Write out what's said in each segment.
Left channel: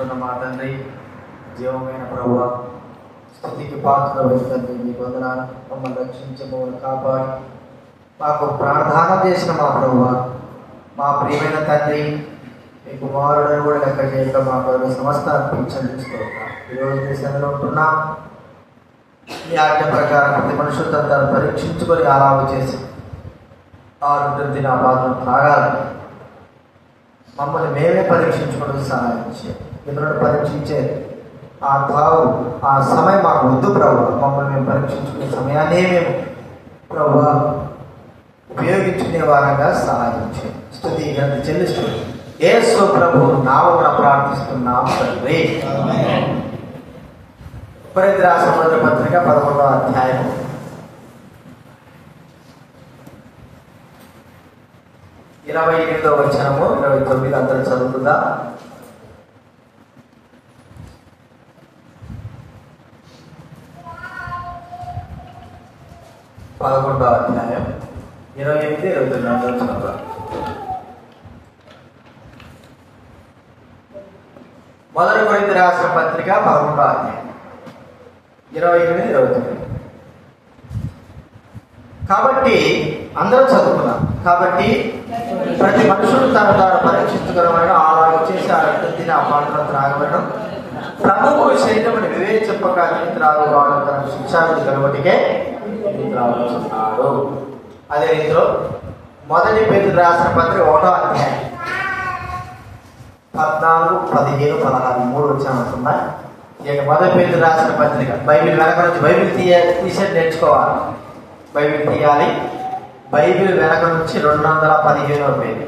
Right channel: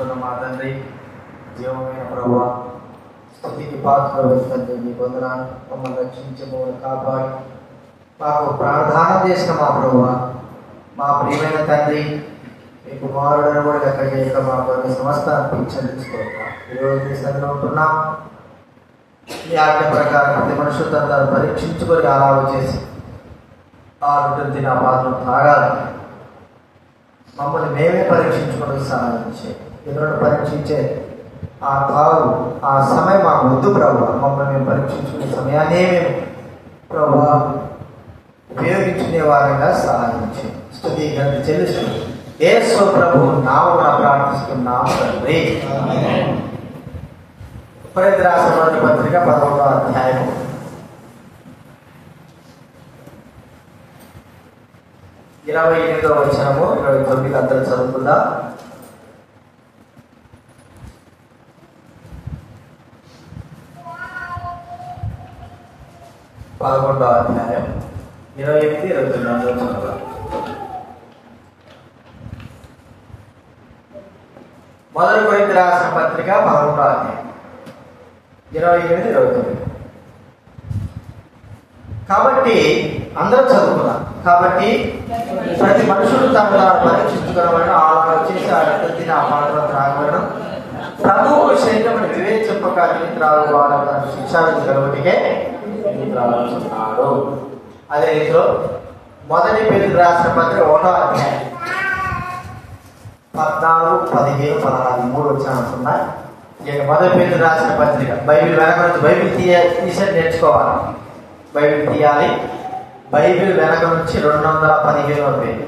స్తుతించుకున్న మా తండ్రి, జీవమైన ప్రభువా, స్తుతికి పాత్రలు తండ్రి, మీ వందనాలు. మమ్మల్ని రక్షించి మమ్మల్ని కాపాడి మాకు ప్రార్థన చేసిన మా ప్రభువా, మా ప్రియమైన తండ్రి, మీ కుమారులను కూడా లెక్క చేయక మా కొరకు సమస్త అర్పించుకుంటున్నాం. ఈరోజు మీ సన్నిధిలో ఉంటున్నాం. మీ ఆజ్ఞ ప్రకారం ప్రతి మనుషులంతా పరీక్షించుకొని ఆరాధన చేసి ఆరు దిన బాధలు తాగాలి. మమ్మల్ని మేమే పరీక్షించుకొని సాధించే ఇతరులను పరీక్షించే ఆ కావు ఆ సమయం మాకు వద్దు ప్రభు. మమ్మల్ని మేము పరీక్షించుకునే సమయాన్నే మేము ప్రభు ఉపయోగించుకునే వారంగా సహాయించే స్తుతి గంట చెల్లిస్తూ యేసు ప్రభు నామమున ప్రార్థిస్తున్నాము తండ్రి. కొరింథీ రాసిన మొదటి పత్రిక 11వ అధ్యాయం 28వ వచనము 29 అందరూ చదువుతుందా? పదకొండవ అధ్యాయం 28, 29 అందరూ చదువుతా. మొదటి కొరింథీ రాసిన పత్రిక 11వ అధ్యాయం 28, 29. కాబట్టి అందరూ చదువుతున్నారు. కాబట్టి ప్రతి మనుషులు తను పరీక్షించుకోవడం ఆలోచన చేసి ఆ తిని ఆ పాటలు త్రాగలను ప్రభువు శరీరం వివేచింపక త్రాగువాడు తన శిక్షాన్ని జరగటికే ఆలోచిస్తున్నాడు. అదే రీతిలో మొదటి పేరు రాసిన పత్రిక 1వ అధ్యాయం 14, 15, 16, 3 వచనాలు ఉన్నాయి. మొదటి పేరు రాసిన పత్రిక బైబిల్ వెనక నుంచి బైబిల్ తీసే నేర్చుకోవాలి. బైబిల్ తీయాలి. బైబిల్ వెనక నుంచి 215వ పేరు.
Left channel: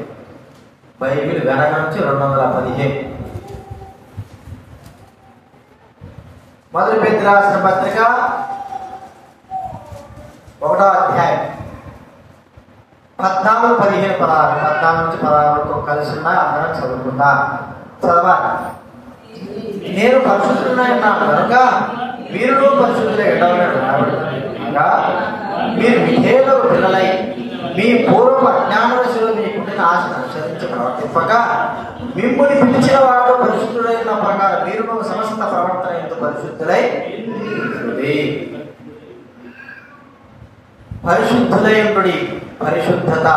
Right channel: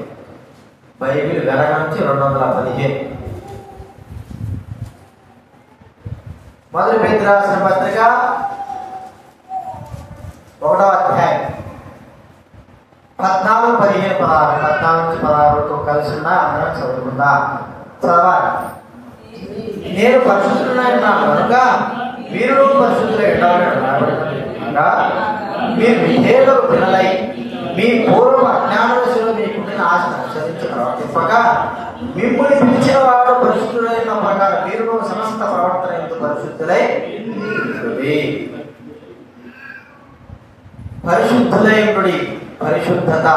బైబిల్ వెనక నుంచి 215. మొదటి పేరు రాసిన పత్రిక 1వ అధ్యాయం 14, 15, 16. 14 నుంచి 16తో కలిసి ఉన్నాయి. అందరం చదువుకుందా చదవాలి. నేను పరిశుద్ధులైనాను కనుక మీరు పరిశుద్ధులై ఉండవలెనుగా మీరు విధేయులు పిల్లలై మీ పూర్వ అజ్ఞానశిలో మీకుండిన ఆశను అనుసరించి ప్రవర్తింపక మిమ్మల్ని పిలిచిన వాడు పరిశుద్ధులైన ప్రకారం మీరు సమస్త ప్రవర్తన ఎందుకు పరిశుద్ధులై పరిశుద్ధులైనటువంటి పరిశుద్ధత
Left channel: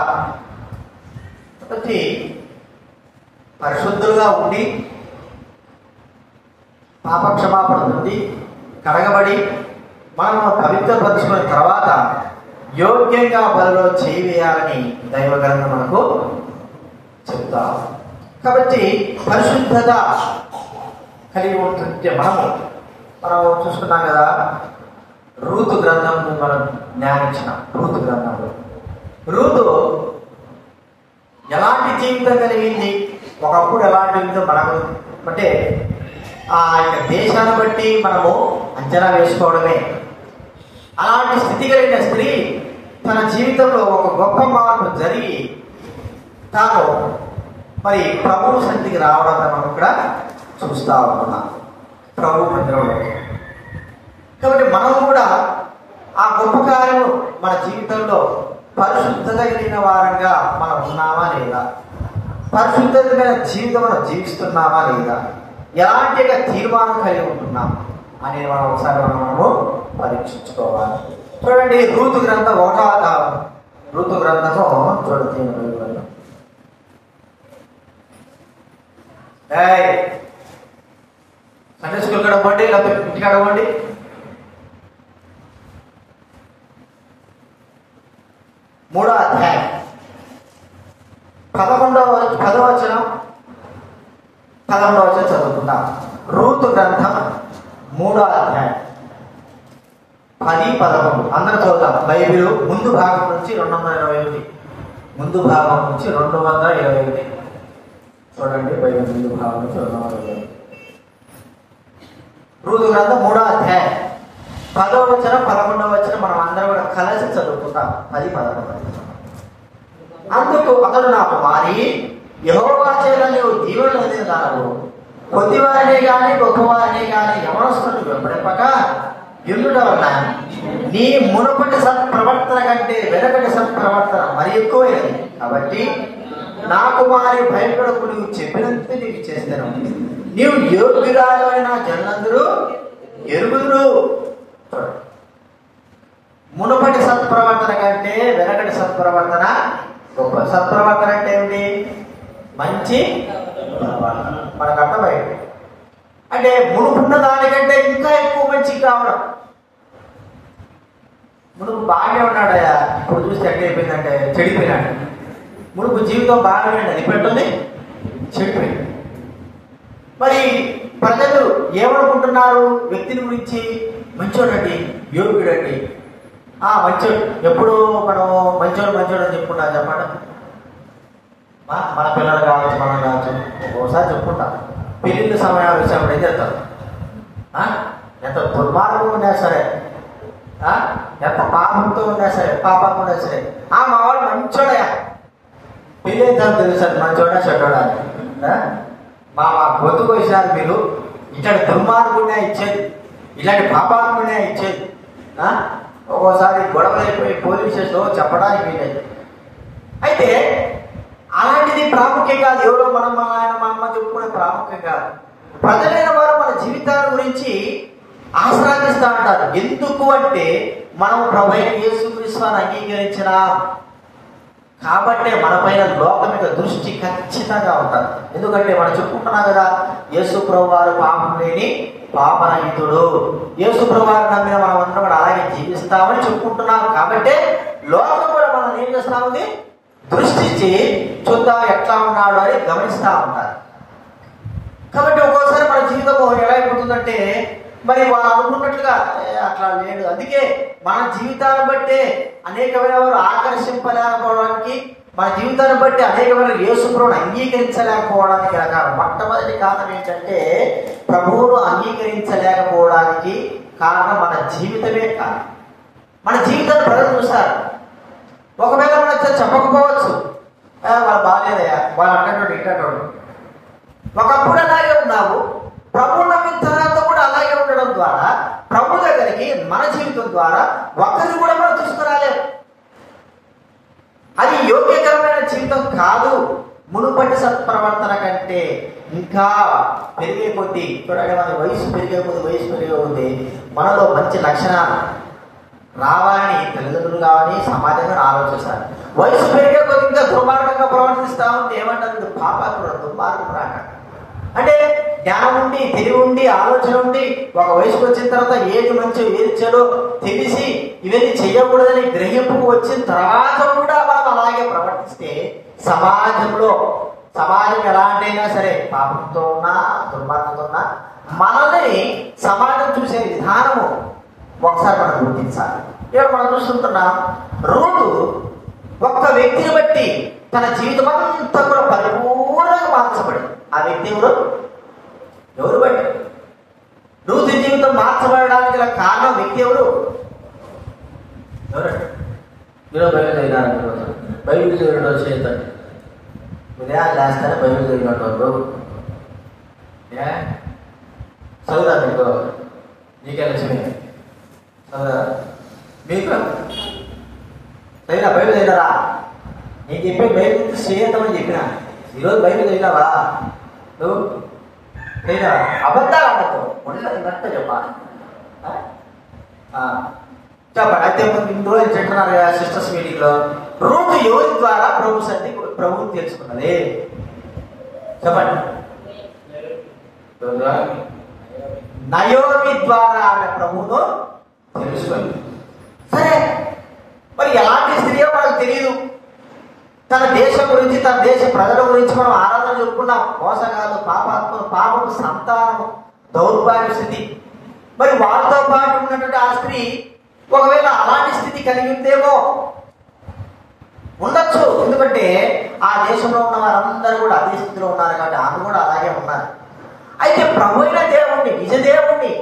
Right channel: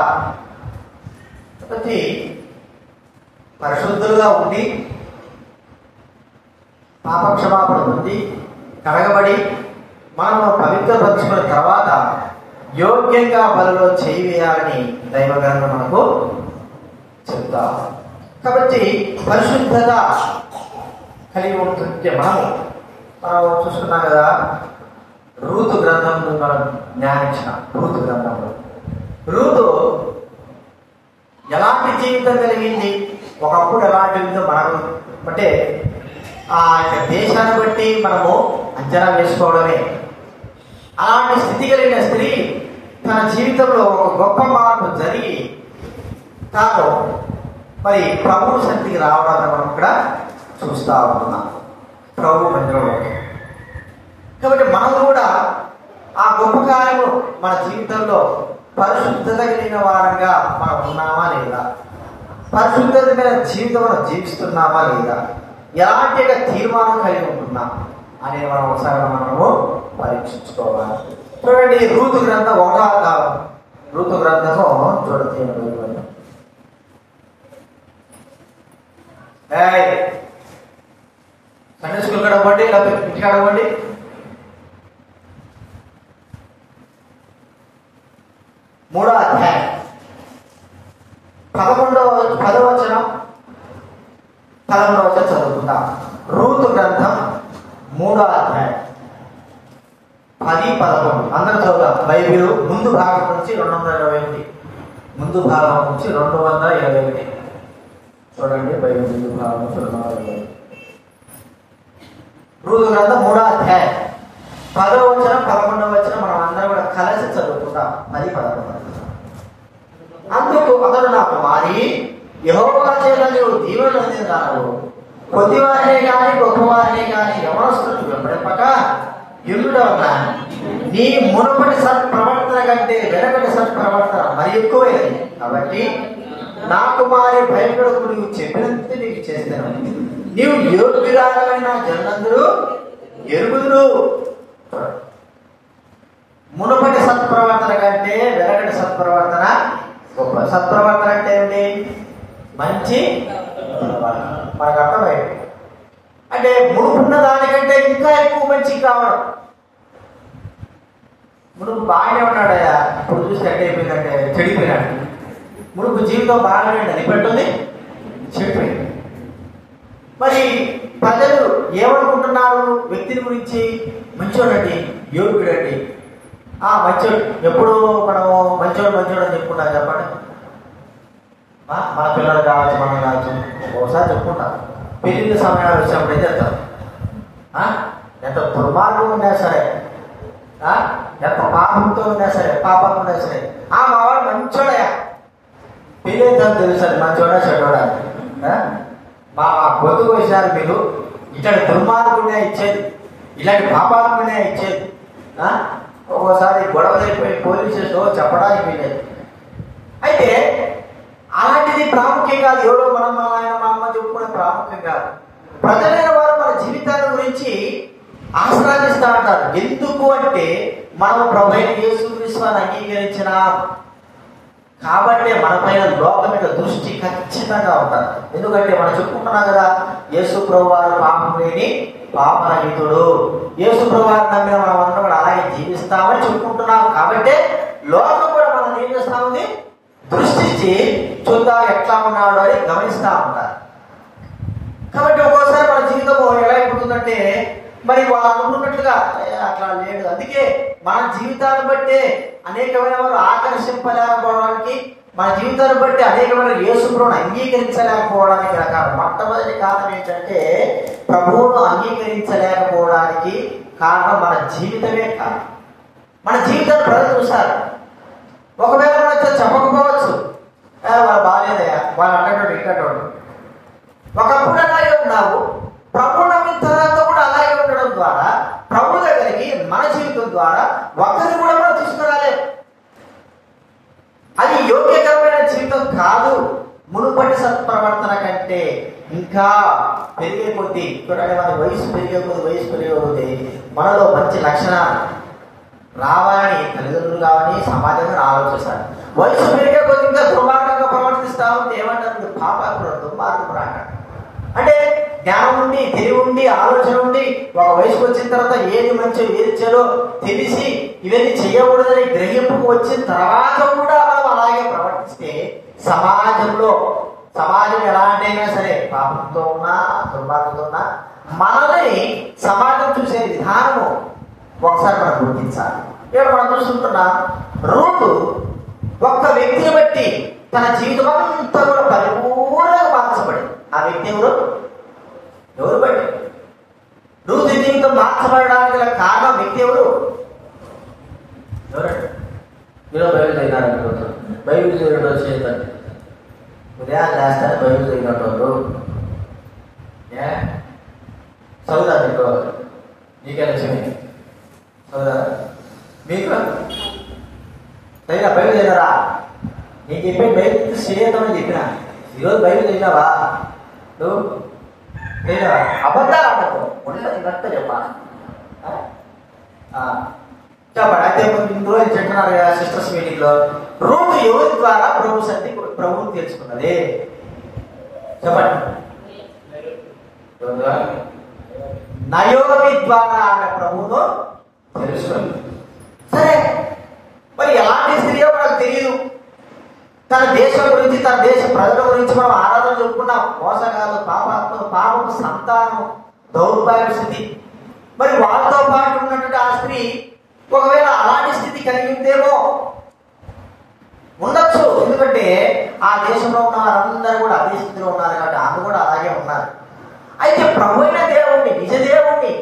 పరిశుద్ధులుగా ఉండి పాపక్షమాపణ పొంది కడగబడి మనము పవిత్రపరచుకున్న తర్వాత యోగ్యంగా బలిలో చేయి వేయాలని దైవగ్రంథం మనకు చెప్తా. కాబట్టి పరిశుద్ధత కలిగి ఉంటుంటే మనం చూసుకున్నాం కదా. రూతు గ్రంథం మనం జ్ఞానించినాం. రూతు గ్రంథంలో రూతు ఎలాంటి జీవితం కలిగింది, ఒకప్పుడు ఎలాంటి మనకు అంటే ఆ యొక్క దేశాన్ని బట్టి మనము అంచనా వేసుకోవడమే. అలాంటి స్థితి కలిగిన స్త్రీ తన జీవితంలో ఒక గొప్ప మార్పు జరిగి తాను మరి ప్రభు శక్తికి రావడం మనం కూడా చూస్తా ఉన్నాం ప్రభు మందిరంలో. కాబట్టి మనం కూడా ఆ గొప్ప కార్యం మన జీవితంలో పరిశుద్ధత కలిగిన వారంగా మనం ఉన్నామా లేదా, పరిశుద్ధమైన జీవితం జీవిస్తున్నామా లేదా, ఎలాంటి తీర్మానం కలిగి ఉంటున్నాం అనేది మనం ఒకసారి మనము పరీక్షించుకోవాలి. చూడండి రూతు గ్రంథం 1వ రూతు గ్రంథము చూడండి. సండే స్కూల్ కడగండి, లేకపోతే ఇంటికి అడగండి. మూడో అధ్యాయం 10వ వచనం చదువుకుందాం. రూతు గ్రంథం 3వ అధ్యాయం 10, 11 అందరూ చదువుతాం. బైబిల్ ముందు భాగం నుంచి 221. ముందు భాగం నుంచి 221 చూడండి. బైబిల్ ముందు భాగం నుంచి 221. రూతు గ్రంథం 3వ అధ్యాయం 10వ వచనం 11వ వచనం మనం అందరం కూడా కలిసి చదువుకుంటాం. 10, 11. అందుకు అతడు నాకు మారి యెహోవా చేత నీవు దీవెనలు అందిందావు, కొద్దివారినే గాని గొప్పవారినే గాని యవనస్తులను వెంబడింపక యుద్ధుడ వల్ల నీ మునుపటి సత్ప్రవర్తన కంటే వెనకటి సత్ప్రవర్తన మరి ఎక్కువైనది. కాబట్టి నా కుమారి భయపడకు, నువ్వు చెప్పినంత నీకు చేస్తాను. నీవు యోగ్యురాలైన జనులందరూ ఎరుగుదురు. మునుపటి సత్ప్రవర్తన కంటే వెనకటి సత్ప్రవర్తన గొప్ప. సత్ప్రవర్తన అంటే ఏంటి? మంచి మనకు అర్థమైంది. అంటే మునుపున్న దానికంటే ఇంకా ఎక్కువ మంచి కావడం. మునుపు బాగానే ఉన్నాడయా, ఇప్పుడు చూస్తే ఎక్కడ అయిపోయిందంటే చెడిపోయినాడు. మునుపు జీవితం బాగానే ఉండదు, ఇప్పటితోనే చెడిపోయింది. మరి ప్రజలు ఏమనుకుంటున్నారు వ్యక్తిని గురించి? మంచోడండి, యోగ్యుడండి, మంచోడు. ఎప్పుడు మనము మంచోడు అని చెప్పుకున్నాం చెప్పండి. మన పిల్లలు కావచ్చు, మనం కావచ్చు, ఒకసారి చెప్పుకుంటాం. పెళ్లిళ్ళ సమయాలు వచ్చినప్పుడు ఏం చేస్తారు? ఎంత దుర్మార్గం ఉన్నా సరే, ఎంత పాపంతో ఉన్నా సరే, పాపంతో ఉన్నా సరే, మా వాడు మంచోడయా, పెళ్ళి ఎంత తెలుస్తుంది మంచోడా చెడ్డోడా. మా బతుకు వచ్చినారు మీరు, ఇట్లాంటి దుర్మార్గునే ఇచ్చేది, ఇలాంటి పాపాలనే ఇచ్చేది. ఒక్కోసారి గొడవలైపోయి పోలీస్ స్టేషన్లో చెప్పడానికి వెళ్ళేది. అయితే అలాంటిది ప్రాముఖ్యం కాదు. ఎవరో మనం మా ఆయన మా అమ్మ చెప్పుకునే ప్రాముఖ్యం కాదు. ప్రజలైన వారు మన జీవితాల గురించి ఆశ్రయిస్తూ ఉంటారు. ఎందుకు అంటే మనం ప్రభువైన యేసుక్రీస్తుని అంగీకరించినాం కాబట్టి మన పైన లోకం యొక్క దృష్టి ఖచ్చితంగా ఉంటారు. ఎందుకంటే మనం చెప్పుకుంటున్నాం కదా, యేసు ప్రభు వారు పాపం లేని పాపరహితుడు. యేసు ప్రభు వారు నమ్మిన మనం అందరం కూడా అలాగే జీవిస్తామని చెప్పుకుంటున్నాం. కాబట్టి లోకం కూడా మనం ఏం చేస్తా ఉంది? దృష్టించి చూద్దాం ఎట్లా ఉన్నాడు అని గమనిస్తా ఉంటారు. కాబట్టి ఒక్కోసారి మన జీవితం ఎలా అయిపోతుందంటే మరి వాళ్ళు అనుకున్నట్లుగా అట్లా లేదు. అందుకే మన జీవితాన్ని బట్టే అనేకమైన వారు ఆకర్షింపలేకపోవడానికి, మన జీవితాన్ని బట్టి అనేకమైన యేసు ప్రభువును అంగీకరించలేకపోవడానికి రకాల మొట్టమొదటి కారణం ఏంటంటే ప్రభువును అంగీకరించలేకపోవడానికి కారణం మన జీవితమే కారణం. మన జీవితాన్ని ప్రజలు చూస్తారు. ఒకవేళ మనతో చెప్పకపోవచ్చు, వాళ్ళు బాగాలేదయ్యా, వాళ్ళు అంటాడు ఇంటాడు. ఒకప్పుడు అలాగే ఉన్నావు, ప్రభు నమ్మిన తర్వాత కూడా అలాగే ఉండడం ద్వారా ప్రభు దగ్గరికి మన జీవితం ద్వారా ఒకరిని కూడా మనం తీసుకురాలేము. అది యోగ్యకరమైన జీవితం కాదు. మునుపటి సత్ప్రవర్తన కంటే ఇంకా పెరిగే కొద్దీ చూడండి, మన వయసు పెరిగే కొద్దీ మనలో మంచి లక్షణాలు రావాలని తల్లిదండ్రులు కావని సమాజంగా ఆలోచిస్తారు. వయసు పెరిగే కొద్ది ఇంకా దుర్మార్గంగా ప్రవర్తిస్తా ఉంటే ఏమంటారు? పాపాత్ముడు, దుర్మార్గం రాక. అంటే జ్ఞానం ఉండి, తెలివి ఉండి, ఆలోచన ఉండి, ఒక వయసుకు వచ్చిన తర్వాత ఏది మంచో ఏది చెడో తెలిసి ఇవన్నీ చెయ్యకూడదని గ్రహింపుకు వచ్చిన తర్వాత కూడా మనం అలాగే ప్రవర్తిస్తే సమాజం ఎలాంటైనా సరే పాపంతో ఉన్నా దుర్మార్గంతో ఉన్నా మనల్ని సమాజం చూసే విధానము ఒకసారి మనం గుర్తించాలి. ఇక్కడ మనం చూసుకుంటున్నాం, రూతు ఒక్క వ్యక్తిని బట్టి తన జీవితం అంతా కూడా పరిపూర్ణంగా మార్చబడింది. ఆ వ్యక్తి ఎవరు బట్టి? రూతు జీవితం మార్చబడడానికి గల కారణం వ్యక్తి ఎవరు? బైబిల్ చదివిన చేస్తారు, ఉదయం చేస్తానే బైబిల్ చదివినట్టు చదువుదా మీకు? నీకే లక్ష్మి చదువుదా మీకు? చదివినా బైబిల్ చదివినారా? నీకు చెప్పే బైబిల్ చేయొద్దామని చెప్పినా. ఈరోజు బైబిల్ చదివినావా? నువ్వు లేదా అబద్ధాలు ఆడకు, ఉన్నట్టు చెప్పాలి. చెప్పండి. అయితే ఇందులో చెప్తున్నారు కదా సిస్టర్స్ మీటింగ్ లో, రూతు ఎవరి ద్వారా ప్రభువుని తెలుసుకున్నది? చెప్పండి. నయోమి ద్వారా ఆమె ప్రభువును తెలుసుకుంది. సరే, మరి ఎలాంటి స్త్రీయో మనకు తెలియదు. తన దేశం గురించి, తన దేశ ప్రజల గురించి మనం ఆరాధన చెప్పుకున్నాం. మోసగాలు, పాపపు సంతానం, దౌర్భాగ్య స్థితి. మరి వాళ్ళతో పాటు ఉన్నటువంటి ఆ స్త్రీ ఒకవేళ అలాంటి స్థితి కలిగి ఉందేమో, ఉండొచ్చు. ఎందుకంటే ఆ దేశంలో ఉన్న వారందరూ కూడా అదే స్థితిలో ఉన్నారు కాబట్టి ఆమె కూడా అలాగే ఉన్నారు. అయితే ప్రభు అయిన దేవుణ్ణి, నిజ దేవుణ్ణి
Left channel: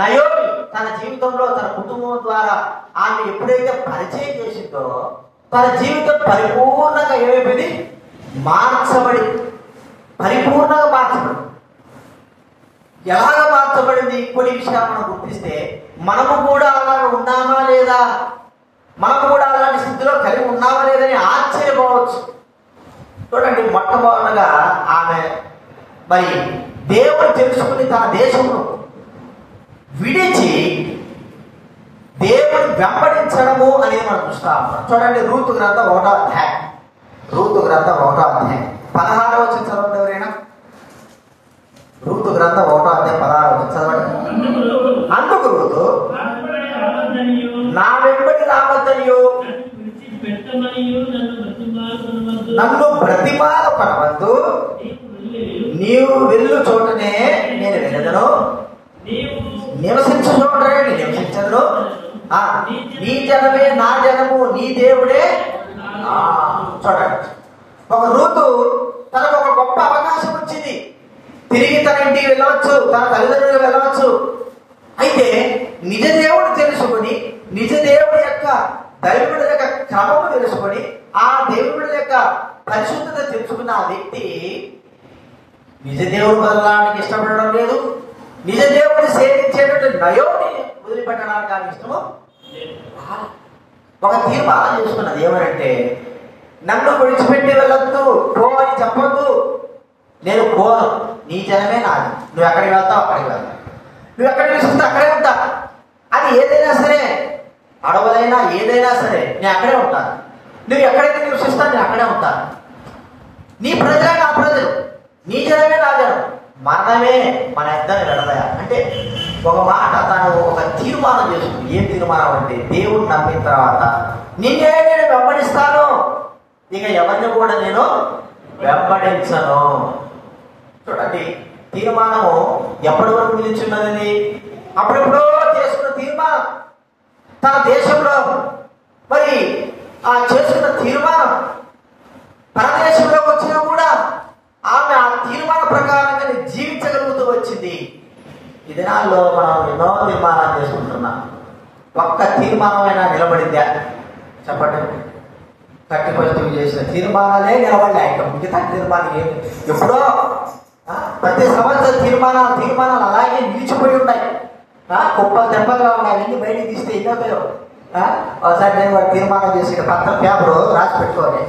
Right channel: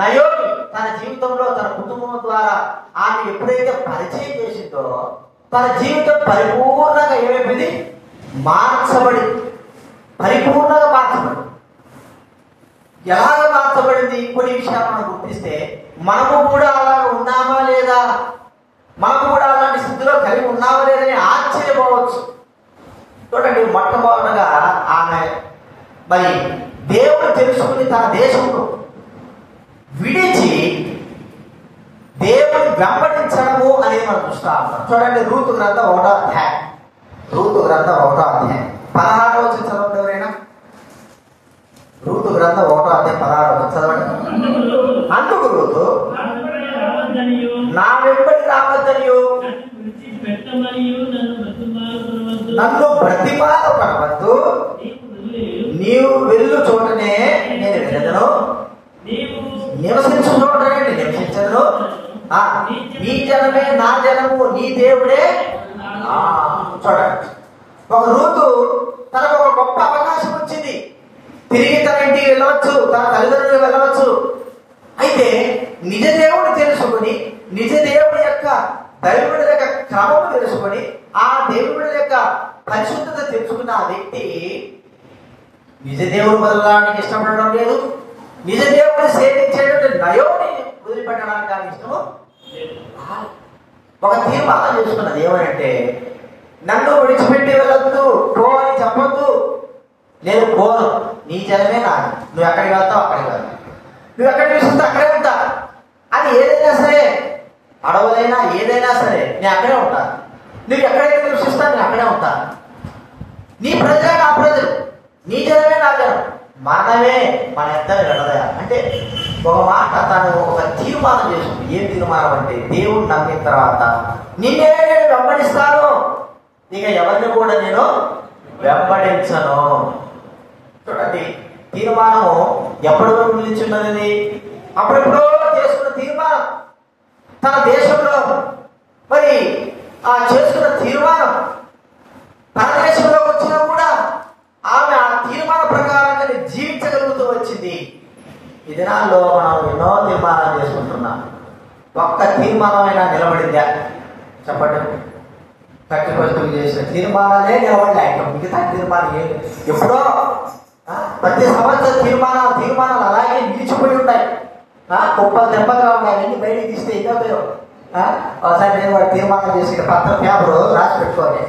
నయోమి తన జీవితంలో, తన కుటుంబం ద్వారా ఆమె ఎప్పుడైతే పరిచయం చేసిందో తన జీవితం పరిపూర్ణంగా ఏమైపోయింది? పరిపూర్ణంగా మార్చబడింది. ఎలాగ మార్చబడింది? కొన్ని విషయాలు మనం గుర్తిస్తే మనము కూడా అలాగ ఉన్నామా లేదా, మనము కూడా అలాంటి స్థితిలో కలిగి ఉన్నామా లేదని ఆశ్చర్యపోవచ్చు. చూడండి, మొట్టమొదటిగా ఆమె మరి దేవుడు తెలుసుకుని తన దేశమును విడిచి దేవుని వెంబడించడము అనేది మనం చూస్తాం. చూడండి, రూతు గ్రంథం 1వ అధ్యాయం. రూతు గ్రంథం 1వ అధ్యాయం 16వ వచనం చదవండి. ఎవరైనా రూతు గ్రంథం 1వ అధ్యాయం 16వ వచనం చదవండి. అందుకు రూతు, నా వెంబడి రావద్దనియు నన్ను బ్రతిమాలపడవద్దు, నీవు వెళ్ళు చోటనే నేను వెళ్ళదను, నివసించు చోటనే నేను నివసించను, నీ జనమే నా జనము, నీ దేవుడే. చూడండి, ఒక రూతు తనకు ఒక గొప్ప అవకాశం వచ్చింది. తిరిగి తన ఇంటికి వెళ్ళవచ్చు, తన తల్లిదండ్రులు వెళ్ళవచ్చు. అయితే నిజ దేవుడు తెలుసుకుని, నిజ దేవుడి యొక్క దైవుడి యొక్క క్రమము తెలుసుకుని, ఆ దేవుడి యొక్క పరిశుద్ధత తెలుసుకున్న ఆ వ్యక్తి నిజ దేవుడు వదలడానికి ఇష్టపడడం లేదు. నిజ దేవుడిని సేవించేటువంటి నయోని వదిలిపెట్టడానికి ఆయన ఇష్టము. ఒక తీర్మానం చేసుకున్నది ఏమంటే, నన్ను విడిచిపెట్టి వెళ్ళొద్దు, పో అని చెప్పొద్దు. నేను పోను, నీ జనమే నాది, నువ్వు ఎక్కడికి వెళ్తావు అక్కడికి వెళ్తావు, నువ్వు ఎక్కడికి తీసుకుంటే అక్కడే ఉంటా. అది ఏదైనా సరే, అడవులైనా ఏదైనా సరే నేను అక్కడే ఉంటాను. నువ్వు ఎక్కడైతే నివసిస్తావు నేను అక్కడే ఉంటాను. నీ ప్రజలే నా ప్రజలు, నీ జనమే నా జనం, మనమే మన ఇద్దరు వెళ్ళదయా అంటే ఒక మాట తను ఒక తీర్మానం చేసుకుంది. ఏం తీర్మానం అంటే, దేవుడు నమ్మిన తర్వాత నేనే నేను వెంబడిస్తాను, ఇక ఎవరిని కూడా నేను వెంబడించను. చూడండి, తీర్మానము ఎప్పుడు నిలిచున్నది? అప్పుడెప్పుడో చేసుకున్న తీర్మానం. తన దేశంలో మరి ఆ చేసుకున్న తీర్మానం తన దేశంలో వచ్చినా కూడా ఆమె ఆ తీర్మాన ప్రకారంగా జీవించగలుగుతూ వచ్చింది. ఈ దినాల్లో మనం ఎన్నో తీర్మానాలు చేసుకుంటున్నాం. ఒక్క తీర్మానమైనా నిలబడిందా చెప్పండి? 30% చేసిన తీర్మానాలే నిలబడ్డాయి. మిగతా తీర్మానం ఎప్పుడో ప్రతి సంవత్సరం తీర్మానాలు అలాగే నిలిచిపోయి ఉన్నాయి. గొప్ప దెబ్బగా ఉన్నాయి. అవన్నీ బయటికి తీస్తే ఎన్నో పేరు. ఒకసారి నేను తీర్మానం చేసుకునే పత్రం పేపరు రాసి పెట్టుకోవాలి.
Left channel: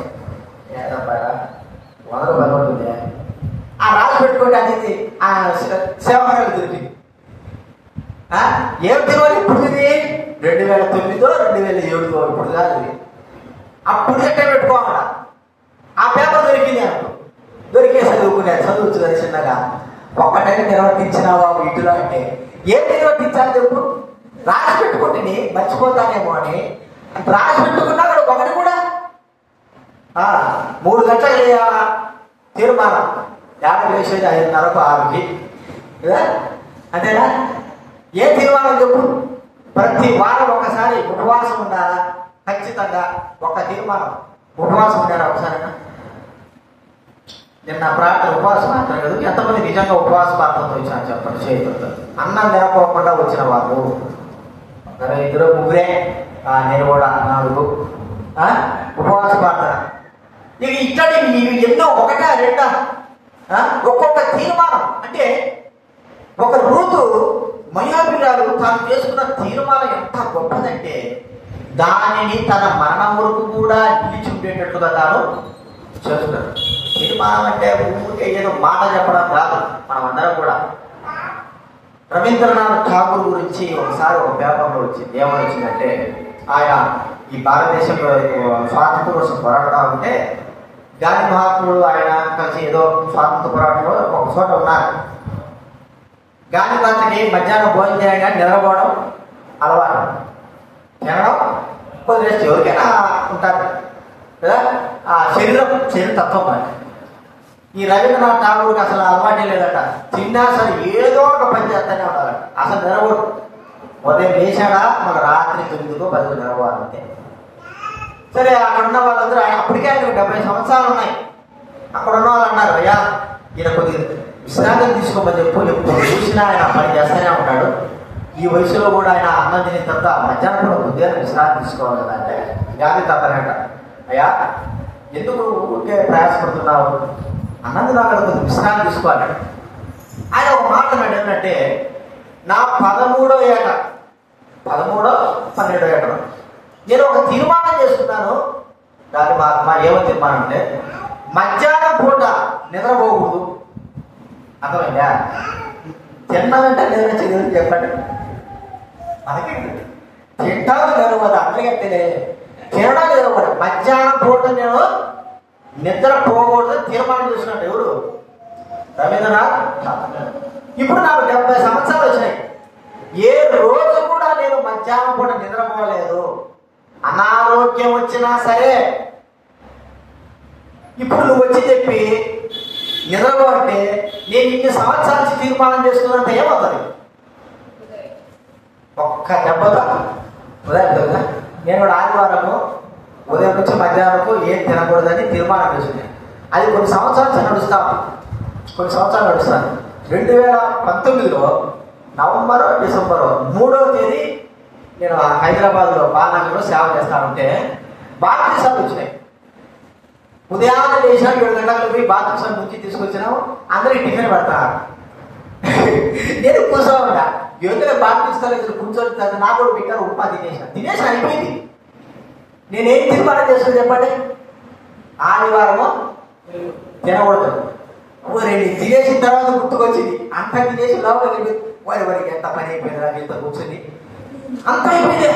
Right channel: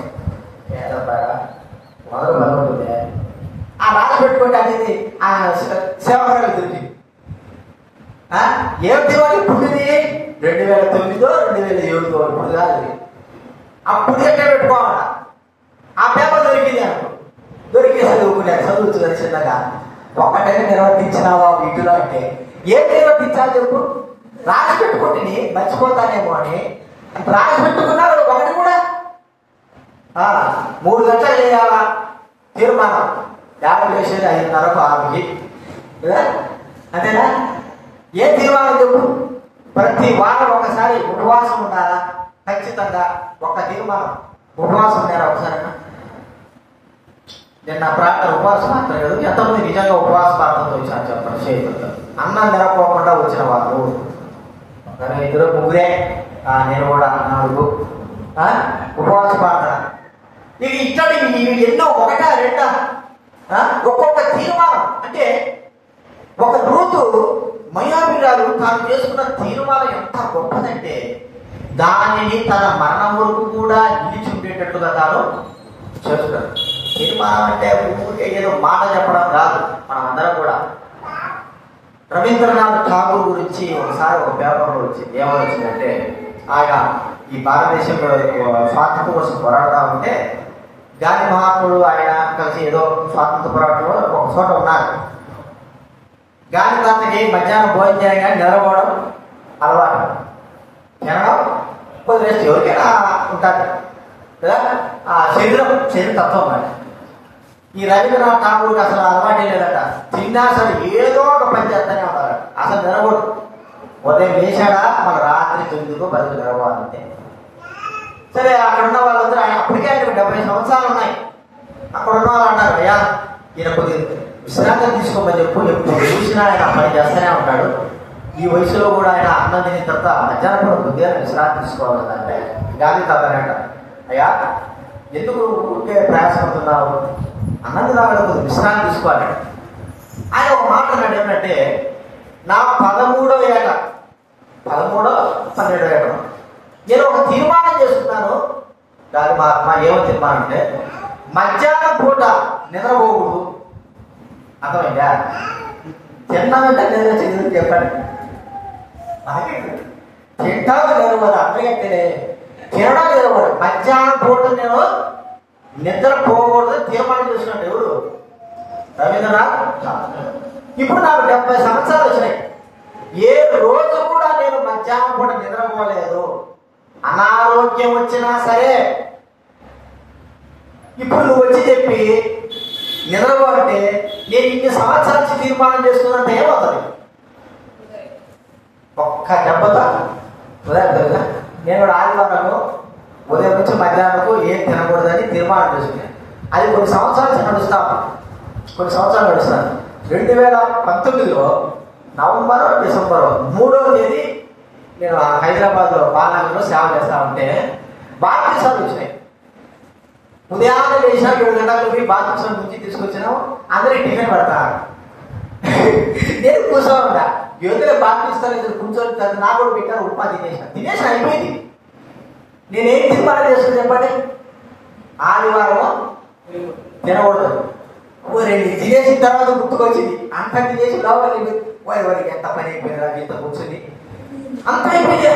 ఆ రాసి పెట్టుకోండి అనేది ఆ సేవకులు దొరికింది. ఏం తీర్మానం ఇప్పుడు 2009 2007 ఇప్పుడు కాదు. అప్పుడు ఎక్కడ పెట్టుకోవాలా? ఆ పేపర్ దొరికింది అనుకో, దొరికే చదువుతుంది చిన్నగా. ఒక్కటైనా నిర్వర్తించినావా వీటిలో అంటే ఏం నిర్వర్తించాలి చెప్పు? రాసి పెట్టుకుంటే మర్చిపోతానేమో అని రాసి పెట్టుకున్నా ఒకటి కూడా 3 గంటలు చేయాలా తీర్మానం. 50 వేసేది 5:30 6కి కదా, అంతేనా? ఏ తీర్మానం చెప్పు? ప్రతి వారం ఒకసారి ఉపవాసం ఉండాలా? ఖచ్చితంగా ఒక తీర్మానం. ఉపవాసం ఉండాలి ఒకసారి. నేను నా ప్రార్థన ఉపవాసం మాట్లాడలేదు. ఎంతమంది నిజంగా ఉపవాస ప్రార్థనతో వచ్చాను చెప్పండి? చేయగలుగుతారు. అన్నం నిరపోకుండా వచ్చిన వాళ్ళు 2-3 నేను కూడా 4 ఉపవాస ప్రార్థన. ఇక ఇట్లాంటి ఎన్నో 1-2 ఒక్కొక్క తీర్మానం. అంటే ఒక రూతు మయాబిరాలు తాను చేసుకున్న తీర్మానం ఎంత గొప్పదంటే దానిని తన మరణం వరకు కూడా నిలిచి ఉండేటట్టుగా తాను చేస్తున్నారు. తీర్మానం అంటే ఊరికే ఏదో మాట చెప్పడం కాదు. మనం అందరం కూడా రవీంద్రనాథ్ ఠాగూర్ గురించి ఒకసారి ఒక పేపర్లో వచ్చింది. ఏమని వచ్చిందంటే, ఆయన ఈ భారతదేశంలో స్వాతంత్రం కోసం పోరాడుతూ ఉంటే గాంధీ మహాత్ముడు ఆయన కలిసి ఏదో స్వాతంత్ర పోరాటంలో ఒక చోట ఉన్నారు. గాంధీ తాతకి మధ్యాహ్నం భోజనం చేయగా నిలబడడం అలవాటు. తినడం కొద్దిగా ఎవరికైనా ఉంటారు కదా, ఆ శరీరం తత్వం. మరి ఈ రవీంద్రనాథ్ ఠాగూర్కి అసలు అలవాటే లేదట. తిన్నా అసలు ఏదో ఒక పని చేస్తానే ఉంటారు. అసలు నిలబడు. ఉదయం లేచాడా మన రాత్రి 9కో 10కో నిలబడాలంటే. సరే, అక్కడ ఉన్న వాళ్ళందరూ అప్పటికే ఆయన 70 సంవత్సరాలు ఉన్నాయి. అక్కడ ఉన్న వాళ్ళు అన్నారు, అయ్యా ఈయన కొద్దిగా విశ్రాంతి తీసుకోమని చెప్పు, ఎప్పుడు చూసినా ఆయన పని చేస్తూనే ఉంటాడు. ఈ వయసులో కూడా ఆయన అన్నం తిని తర్వాత మధ్యాహ్నం కొద్దిగా విశ్రాంతి తీసుకోవాలంటే గాలి తప్పనట. అయ్యా ఎందుకు ఊరికే ప్రయాసపడుతున్నావు? అన్నది రావడం విశ్రాంతి తీసుకోవాలి. ఆయన ఒక మాట అన్నాడు ఏంటంటే, నా 13వ ఏట 12వ ఏట నేను ఒక తీర్మానం చేసుకున్నాను. దాని మా ఏమో తీర్మానం అంటే మధ్యాహ్నం పూట నిద్రపోకూడదు. అర్థమైందా? తిన్నామంటే లేదా చదువు చెప్పండి. అలాగే తింటాము లేవరు అందరికీ తినడం లేవరు. మధ్యాహ్నం పూట నేను నిద్ర పోకూడదు తీర్మానం చేస్తున్నాడు ఎవరు? రవీంద్రనాథ్. ఇప్పుడు నాకు 70 సంవత్సరాలు వచ్చినాయి. ఏ రోజు కూడా నేను మధ్యాహ్నం పూట నిద్రపోలేదు. అనారోగ్యం వచ్చినా సరే ఇప్పుడు నువ్వు వచ్చి చెప్పి నిద్రపో అంటే నేను ఇన్ని సంవత్సరాల నుంచి తీర్మానం చేస్తున్నట్టు ఏమవుతుంది? ఒక్క దెబ్బతో ఉదయం నేను ఆదివారము ఉదయం నుంచి మధ్యాహ్నం ఏం తినకూడదని తీర్మానం చేసుకున్నాను. అది కొన్ని సంవత్సరాలు నడుస్తాను. 2019లో నవంబర్ డిసెంబర్ 3వ తేదీ నేను హైదరాబాద్ లో బాలనగర్లో సేవ చేస్తా ఉంటే బాప్టిజాలు వచ్చినాయి. ఉదయాన్నే లేచిన 7 గంటలకు పోయి బాప్టిజం ముంచి తీసుకొచ్చినాము. అందరికి టిఫిన్ పడతా నేను కూర్చోవాలన్నా ఎవరైనా బాప్టిస్తారు కూర్చొని నా కూడా పెట్టారు. ఉప్మా తినేసి అయిపోయింది. నేనేం తీర్మానం చేస్తుంది చెప్పండి? ఆదివారము తినకూడదు. తినేసిన తర్వాత గుర్తుకొచ్చింది అంత తినేసి లోపలికి వారికి ఎంత పని అయిపోయిందా ఇంత కూర్చొని అంత అయిపోయింది.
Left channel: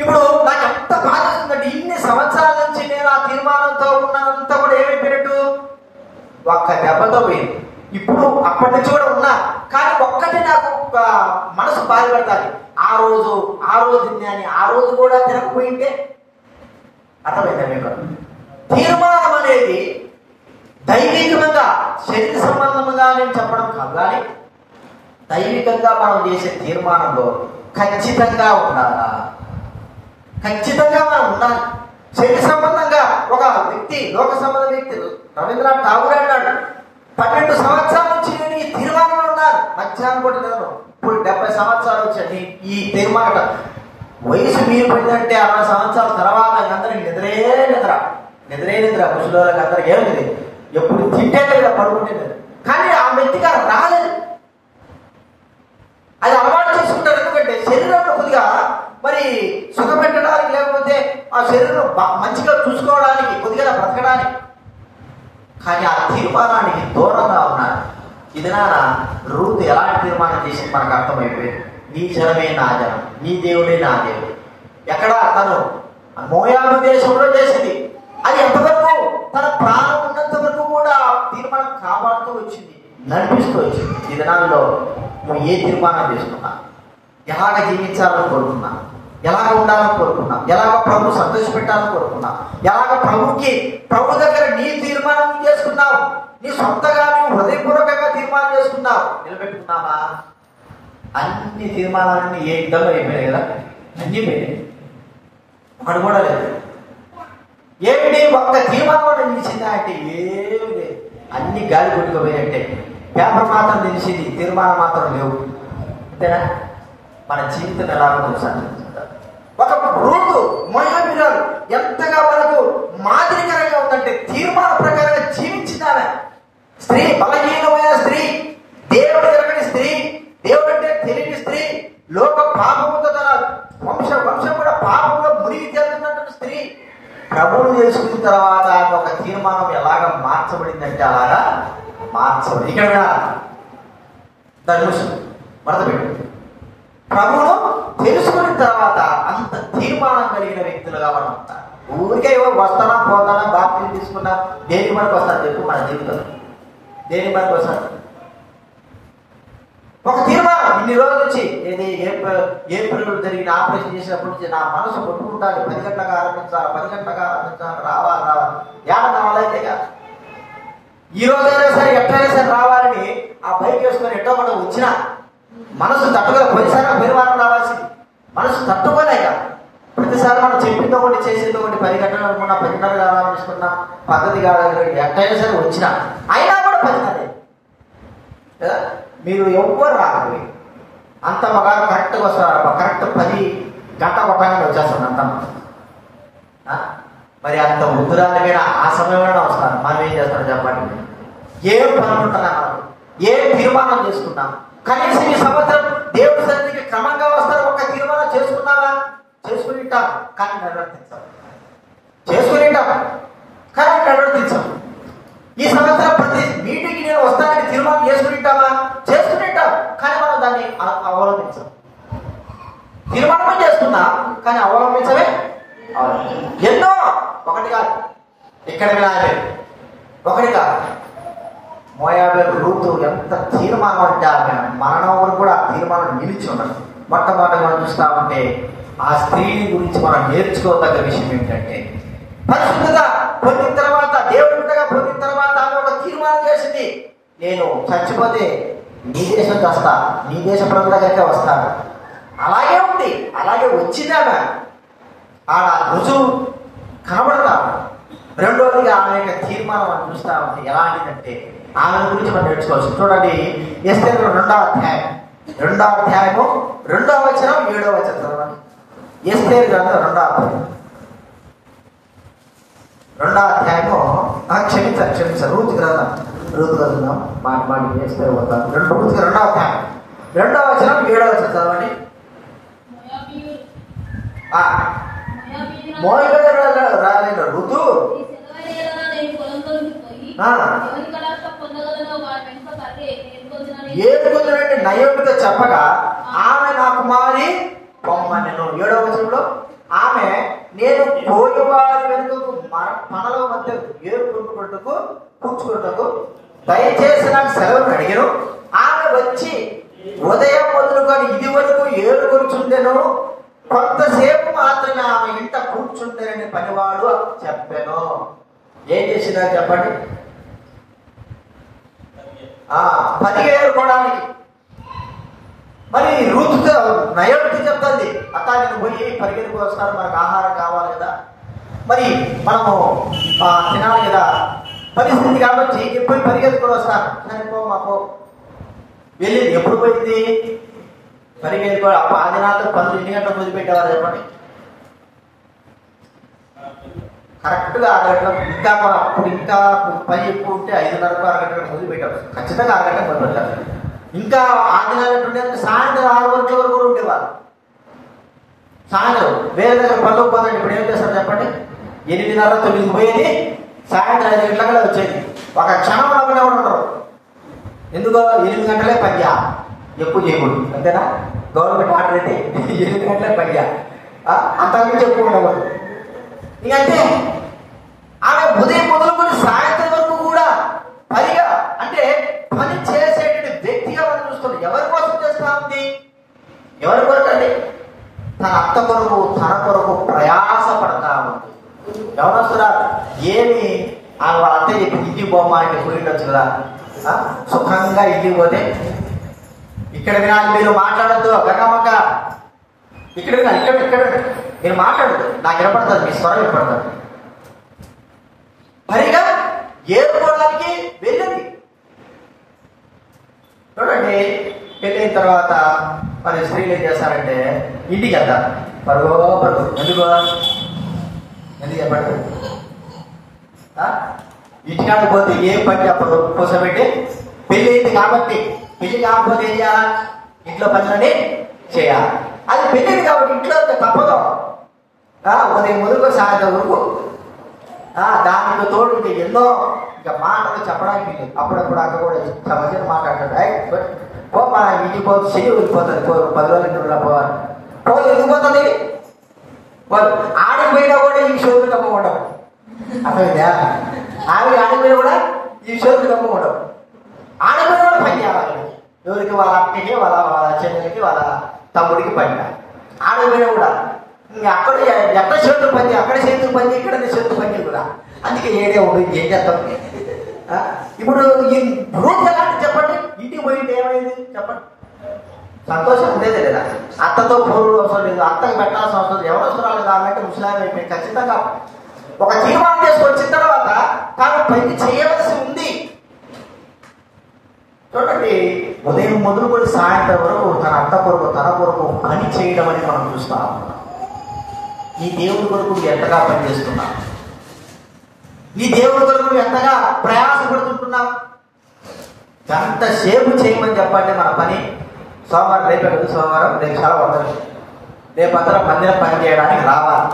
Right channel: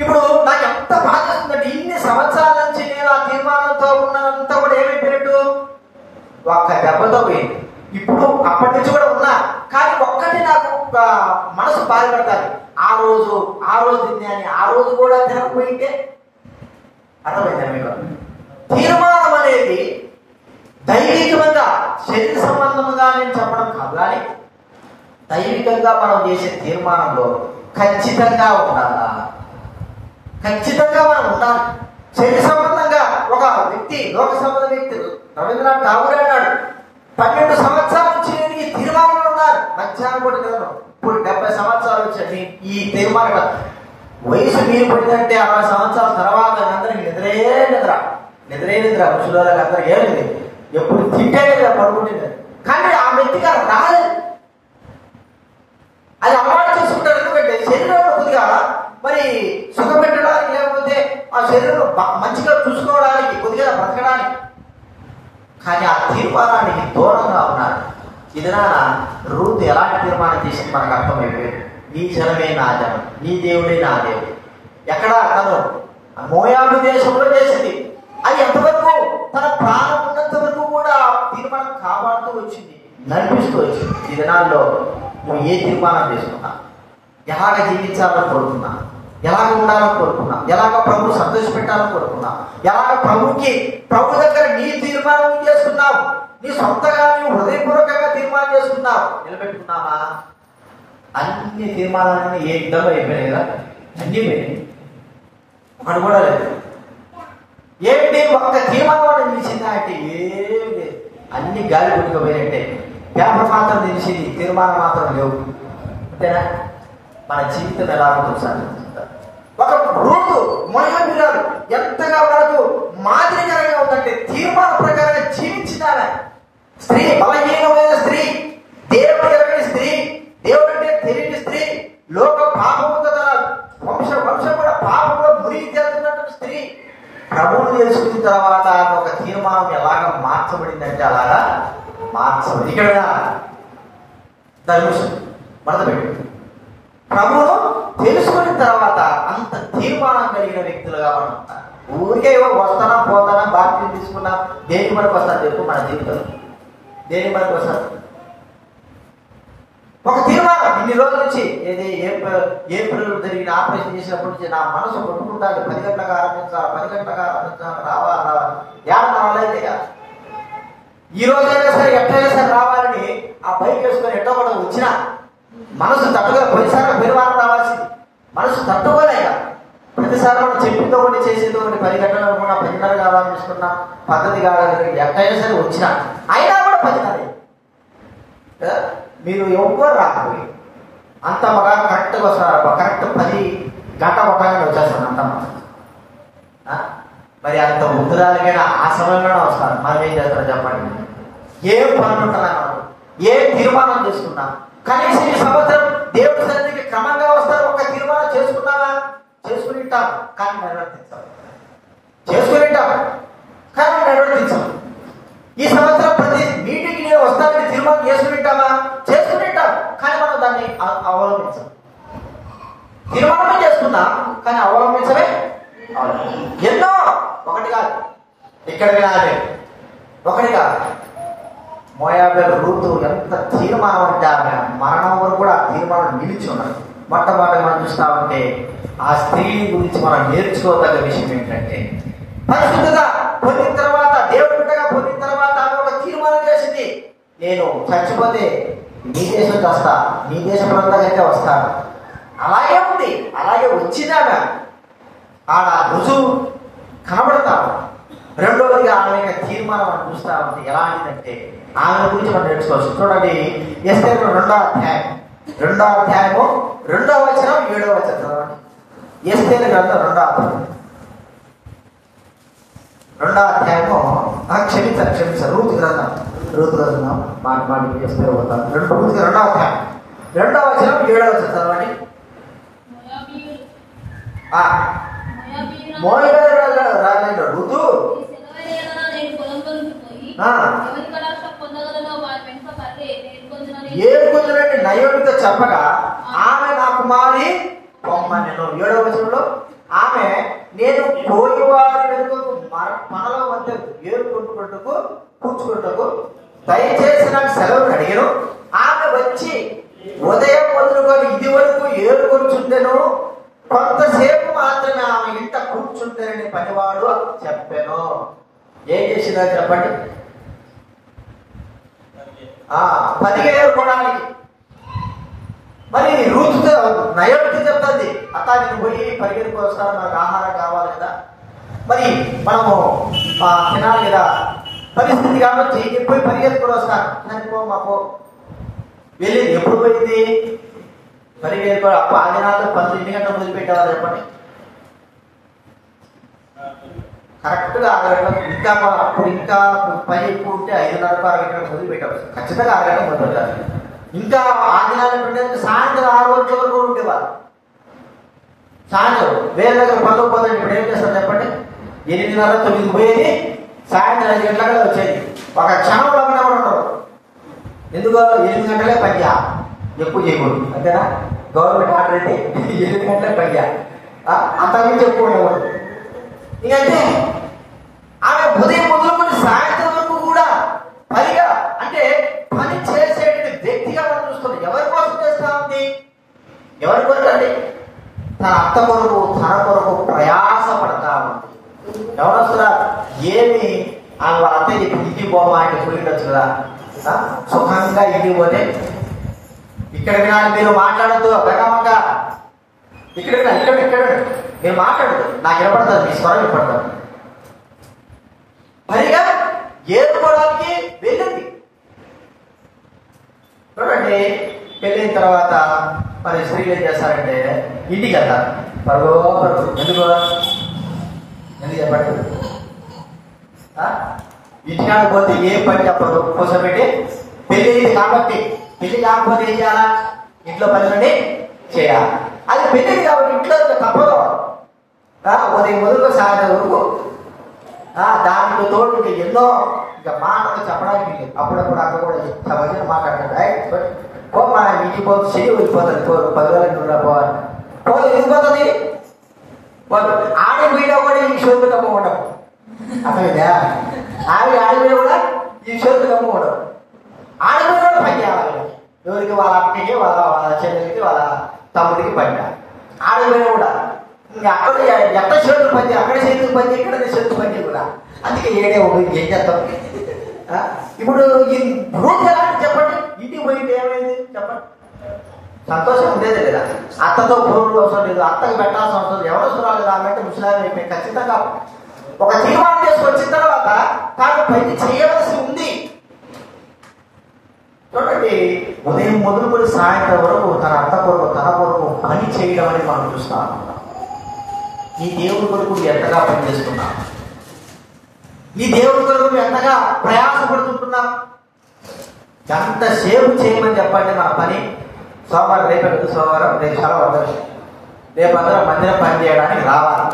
ఇప్పుడు నాకు ఎంత బాధ వస్తుందంటే ఇన్ని సంవత్సరాల నుంచి నేను ఆ తీర్మానంతో ఉన్నదంతా కూడా ఏమైపోయినట్టు ఒక్క దెబ్బతో పోయింది. ఇప్పుడు అప్పటి నుంచి కూడా ఉన్నా కానీ ఒక్కటి నాకు మనసు బాధపడతాను. ఆ రోజు తిన్నాని ఆ రోజు కూడా తినకపోయింటే అర్థమైందా మీకు? తీర్మానం అనేది దైవికంగా శరీర సంబంధంగా నేను చెప్పడం కాదు, కానీ దైవికంగా మనం చేసే తీర్మానంలో ఖచ్చితంగా ఉండాలి. ఖచ్చితంగా మనం ఉండాలి. శరీర సంబంధంగా ఒక వ్యక్తి లోక సంబంధ వ్యక్తి రవీంద్రనాథ్ ఠాగూర్ అన్నాడు 12 సంవత్సరాల నుంచి నేను ఈ తీర్మానంలో ఉన్నాను. మధ్యాహ్నం కూడా నేను ఇప్పుడు 70 సంవత్సరాలు వచ్చాయి. ఈ తీర్మానం వయసు మీరు పోయిందంటే 60 సంవత్సరాల తర్వాత అందరికి నిద్ర ముసలివాళ్ళకి అందరికి ఏమి లేదు. ఎప్పుడు తింటే లేదా పడుకుంటే కానీ ఆ వ్యక్తిగా రాలేదు. అది అలవాటు చేసుకుంటారు. ఎందుకంటే శరీరంలో కొద్దిగా మరి సుఖపెట్టడానికి లేకపోతే ఆ శరీరం మంచిగా చూసుకోవడానికి కొద్దిగా బ్రతకడానికి. కానీ ఆ తీర్మానానికి దూరంగా ఉన్నారు. ఇదినా రూత్ ఎలాంటి తీర్మానం చేసింది మనకు అర్థమైపోయింది. నీ జనమే నా జనం, నీ దేవుడే నా దేవుడు. ఎక్కడ తను మోయాబు దేశంలో చేసింది. అది ఎంతవరకు తన ప్రాణం ఉన్నంత వరకు కూడా తీర్మానం కాపాడుతూ వచ్చింది, నడిపిస్తూ వచ్చింది. ఈ దినాల్లో నువ్వు ఏ తీర్మానం చేసుకున్నా, ఎలాగ జీవించాలని కోరుకున్నా, ఎలాగ ఉండాలని కోరుకున్నా, ఎలాగ ప్రభు సంతోషపెట్టాలని కోరుకున్నా, ఎలాగ ప్రభు దగ్గర నీ తీర్మానం చేసుకున్నావు, నీ సొంతగా నువ్వు హృదయపూర్వకంగా తీర్మానం చేసుకున్నావు, నిలబెట్టుకున్నావా? అన్ని తీర్మానాలన్నీ ఏ యుద్ధంలో అయిపోయాయి కదా, అన్ని పోయాయి, ఒకటి కూడా లేదు. ఏమిటి ఒక్క తీర్మానం నిలిచిందా అంటే ఏమి లేదు, అన్ని గాలి కొట్టుకుపోయినట్టే. పేపర్ మాత్రం తెలిసింది, తీర్మానం మాత్రం లేవు. అంతేనా? మన జీవితం ఎలా చూసాను. ఒక రూతు మోయాబీయురాలు ఎంతగా మనకు మాదిరికరంగా ఉందంటే తీర్మాన ప్రకారంగా జీవించిందామె. స్త్రీ, బలహీనమైన స్త్రీ, దేవుడు ఎరగని స్త్రీ, దేవుడు అంటే తెలియని స్త్రీ, లోక పాపముతో తన వంశం కూడా పాపంలో మునిగి తేలుతున్నటువంటి స్త్రీ ప్రభువును తెలుసుకున్న తర్వాత ఒక తీర్మానం ఎలాగ మార్చబడిందంటే అలాగా మార్చబడి ఇక్కడ ధనుషు మొదలుపెట్టి ప్రభువును తెలుసుకున్న తర్వాత అంత తీర్మానం కలిగిన వ్యక్తులుగా మనం ఉంటాం. ఊరికే వస్తానా పోతానా బాప్తిజం తీసుకున్నా దేనికి మనకు వస్తాను చెప్పు? మన జీవితంలో దేనికి మనకు వస్తాను? ఒక తీర్మానం ఇన్ని రోజుల నుంచి ఏది ఏప్రిల్ జరిగిన ఆపరేషన్ చేసినప్పటి నుంచి నా మనసు కొట్టుకుంటాను. 10 గంటలకు ఆరంభించాలి, రావాలా ఏమన్నా వాళ్ళైతే కాదు. ఈ రోజైనా సరే ఎట్లయినా సరే రావాలని ఆ బైక్ వేసుకొని ఎట్టో కూడా వచ్చినా మనసు తట్టుగా పోయిసారి పరివారం రావాల్సింది. మనసు తట్టుకోలే కదా. ప్రతిసారి మనం చెప్పిందో ఒకటి చేసేదో ఒకటి 10 గంటలు 10 గంటలు రావాలనుకున్న పద్ధతి కావాలి. ఎట్లయినా సరే వచ్చినా అయినా కూడా 10 గంటలు కదా. మీరు ఎవ్వరు రాకపోయి అంత ఒక కరెక్ట్గా వస్తారు. కరెక్ట్ 10 గంట ఒకగానే వచ్చేస్తాను అంత. మరి అంత ఉత్తరాలకైనా ఆ సమయంలోనే వస్తారు. మనం ఏం చేస్తాం చెప్పండి? ఏం పనులు ఉంటుందన్నారు, ఏం తీర్మానం చేసుకున్నాం. కనీసం ఈ సంవత్సరం దేవుడి సన్నిధికి క్రమంగా వస్తారు. ఒక తీర్మానం చేసుకున్నావా? చేసుకునింటాం కానీ నిర్వర్తించాం. కానీ నిర్వర్తించాం. ఈ సంవత్సరం ప్రతి మీటింగ్ నేను వస్తానని తీర్మానం చేసుకునింటావా? చేసుకునింటాం కానీ అవలంబించవే ఎన్నో, ఒకటి కాదు, ఇక్కడ వినాలి, ఒకటి కాదు. మోయాబేలు రూతు ఎంత తీర్మానం అంటే ఆమె మరణం వరకు కూడా ఆ తీర్మానం నిలిచి ఉన్నారు. మొట్టమొదటి మనం చూస్తా ఉంటే ఆ స్త్రీని గురించి మనం నేర్చుకోదగ్గ విషయం ఏంటంటే, పరిశుద్ధత పొందిన తర్వాత, దేవుడిగా పొందిన తర్వాత ఆమె ఒక తీర్మానం చేసింది, నేను చచ్చిపోతే నీ దేశం వస్తా, నీ దేశ ప్రజలకైతే వస్తాను. అలాగే ఉంది, అలాగే వచ్చింది ఆమె. ఆడ రుజువు కనబడతా. రెండోదిగా ఆమె యొక్క తీర్మానం మనం చూస్తామంటే ఎలాంటిదంటే, ఆమె గురించి మనం నేర్చుకోవచ్చు. చూడండి, ఎస్తేరు 2వ అధ్యాయం 2వ అధ్యాయము 2వ వచనం 7వ వచనం. ఎస్తేరు గ్రంథం 2వ అధ్యాయం 2వ అధ్యాయము క్షమించారు రూతు గ్రంథం మాటి ఎస్తేరు పోతాం. 2వ అధ్యాయం 2వ వచనం 7వ వచనం చదవండి. రాజైన ఋతు ఏడుకుంటున్నట్టు నయోమితో చెప్పగా ఆమె నా కుమారి పొమ్మనెను. 7వ వచనంలో ఆమె నేను పోయేవారి వెనుకకు మనలో మధ్య ఏరుకుంటున్నట్టుకు కూర్చుకుంటకు దయచేసి నాకు సెలవును అడిగాను. ఆమె వచ్చి ఉదయం మొదలుకొని ఇది వరకు ఏరుకొచ్చుండెను, కొంతసేపు మాత్రమే ఆమె ఇంట కూర్చుంటారని పనివాడు చెప్పాను. ఏం చేసిందా చెప్పండి? పరిగెత్తుకోవడానికి. మరి రూతుతో నయోమికి చెప్తుంది, అతనికి పోయి పరిగెత్తుకు వస్తాను, నాకు ఆహారం కావాలి కదా, మరి మనము తినాలి కదా, పరిస్థితి కాబట్టి పోయి పరిగెత్తుకుని వస్తాను. అనుకో మాకు వెళ్ళింది. ఎప్పుడు పోయింది? పరిగెత్తుకో. 10 దినాల్లో 12 గంటలు మొదలుపెట్టేవారు చెప్పండి. కరెక్ట్గా 6 గంటలు. ఇంకా అప్పుడు ఇంకా పని ఎక్కువ ఉంటే 5:30 6 గంటలకు మొదలుపెట్టారు. ఖచ్చితంగా 6 గంటలు మొదలుపెట్టారు. ఇంకా 6 దినాలు ఉంటే సాయంత్రం 6 గంటల వరకు ఉండేవారు. సాయంత్రం వేరే దగ్గర పనులు పోతాడు. ఇప్పుడు ఏం చేస్తారు చెప్పండి? 8:30 9 పోయేది, సాయంత్రం 5 గంటలకు వచ్చేది. ఒక క్షణంలోనే ఉండరు. ఎందుకో 8 గంటలే పని ఎక్కువ చేయకూడదు, అంతేనా? గవర్నమెంట్ ఆర్డర్ అయితే 8 గంటలే పని అంతకుమించి ఎక్కువ ఉండకూడదు. ఇంకంటే ఆమె ఉదయం మొదలుకొని సాయంత్రం వరకు కూడా పనిగా, అంటే పని చేసేటువంటి వ్యక్తిగా మనం చూస్తుంది. ఎవరి కోసం చేస్తా ఉంది? ఎవరి కొరకు అండి? తన అత్త కొరకు, తన కొరకు ప్రయాస పడతా ఉంది. ఎవరు వస్తున్నా ఏమి ఆమె అత్త చెప్పి ఇంటికి పోమా అంటే పోయిండొచ్చు కదా. సుఖంగా ఇంటికి పోతే ఇక్కడ వినాలి, మీరు మాట్లాడద్దు గంగమ్మ, ఇక్కడ మీరు మాట్లాడదు, నాకు వినపడుతుంది, మీ స్వరం వినపడుతుంది. పైగా ఏరుకోవడానికి వెళ్ళింది. చూడండి, వెళ్ళిన తర్వాత మరి స్త్రీలు ఏం చేస్తారంటే ఇంటికి వెళ్తారు. పడుకోపడు. ఎందుకు చెప్పండి? ఇంటికాడికి పోతే ఏ పని చెప్పరు, కూర్చోబెట్టి పెళ్లి అయింది కాబట్టి. పెళ్లి కాకపోతే ఏం చేయాలా? ఇంట్లో పనులన్నీ చేయాలి. అది పెళ్లి కాబట్టి ఇంట్లో తప్పదు. ఉదయం మొదలు సాయంత్రం వరకు దానికి తోడు ఎన్నో ఇంకా మాటలు చెప్పడానికి. అప్పుడప్పుడు అక్కడ కూడా ఇంత మంచిగా మాట్లాడతాడు. పో మా ఇంటికి పోతే చెయ్యి వెళ్ళిపోతుంది, 10 రోజులు పోవాలి. పోతే వెళ్ళిపోతుంది. ఆడి మీద కూడా ఈ షోలు తప్పకుండా అర్థమైందా? ఆడి మీద కూడా ఈ షోలు తప్పకుండా ఆడి మీద కూడా పని చేయాలి. ఎవరికి? వాళ్ళ అక్కకి, వాళ్ళ చెల్లెలకి, వాళ్ళ తమ్ముడికి పని. ఆడి మీద కూడా ఇంకా అక్కడ ఎక్కడ చేతులు పని, అక్కడ చేతులు పని, ఇక్కడ చేతులు పని కూడా. అందుకే ఏడే ఉంటుంది. ఏం చేస్తాం ఇప్పుడు? ఈ రూట్ ఎలాంటి చెప్పండి? ఇంటికి పోయింది ఏమైంది చెప్పండి? సంతోషం ఉండేది లేదా? అత్తతో ఫోన్లు అవసరం లేదు, అత్తకి పెట్టాల్సిన అవసరం లేదు. ఎవరు అవసరాలు కాబట్టి ముసలాలు అయిపోయి ఖచ్చితంగా ఒక తీర్మానం చేసి వచ్చిన తర్వాత తాను పని చేయవలసి ఉంది. చూడండి, ఉదయం మొదలుకొని సాయంత్రం వరకు తన అత్త కొరకు, తన కొరకు పని చేయడం అనేది మనం చూస్తాం. నీ దేవుడి కొరకు ఎంతగా పనిచేస్తున్నా? నీ దేవుడి కొరకు ఎంతగా ప్రయాసపడుతుంటున్నా? ఎంతసేపు చేయమని చెప్పండి నా పని. సోమవారం రేపు సోమవారం రేపు సెలవు ఉంటుంది, రేపందరూ మందిరం పని చేయడానికి రావాలి.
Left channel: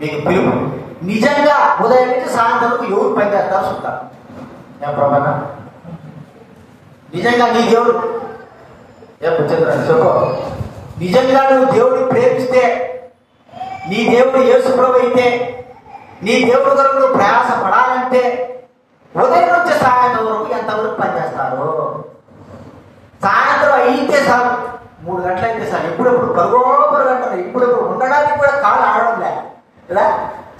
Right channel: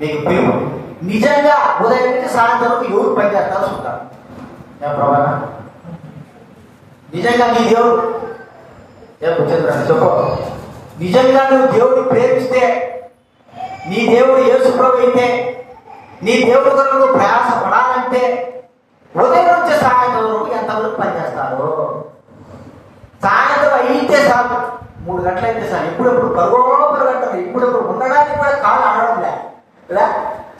మీకు పిలుపు. నిజంగా ఉదయం నుంచి సాయంత్రం వరకు ఎవరు పని చేస్తాల్సి ఉంటారు? ఏం ప్రాబ్లమా? నిజంగా నీ దేవుడు చెప్పు, నిజంగా నువ్వు దేవుడు ప్రేమిస్తే నీ దేవుడు యేసుప్రభు అయితే, నీ దేవుడు కొరకు నువ్వు ప్రయాస పడాలంటే ఉదయం నుంచి సాయంత్రం వరకు ఎంతవరకు పనిచేస్తారు? సాయంత్రం అయితే సార్ 3 గంటలు అయితే సార్ ఇప్పుడు పరుగంటారు. ఇప్పుడు ఉండడానికి కూడా కాలు ఆడడం లేదా?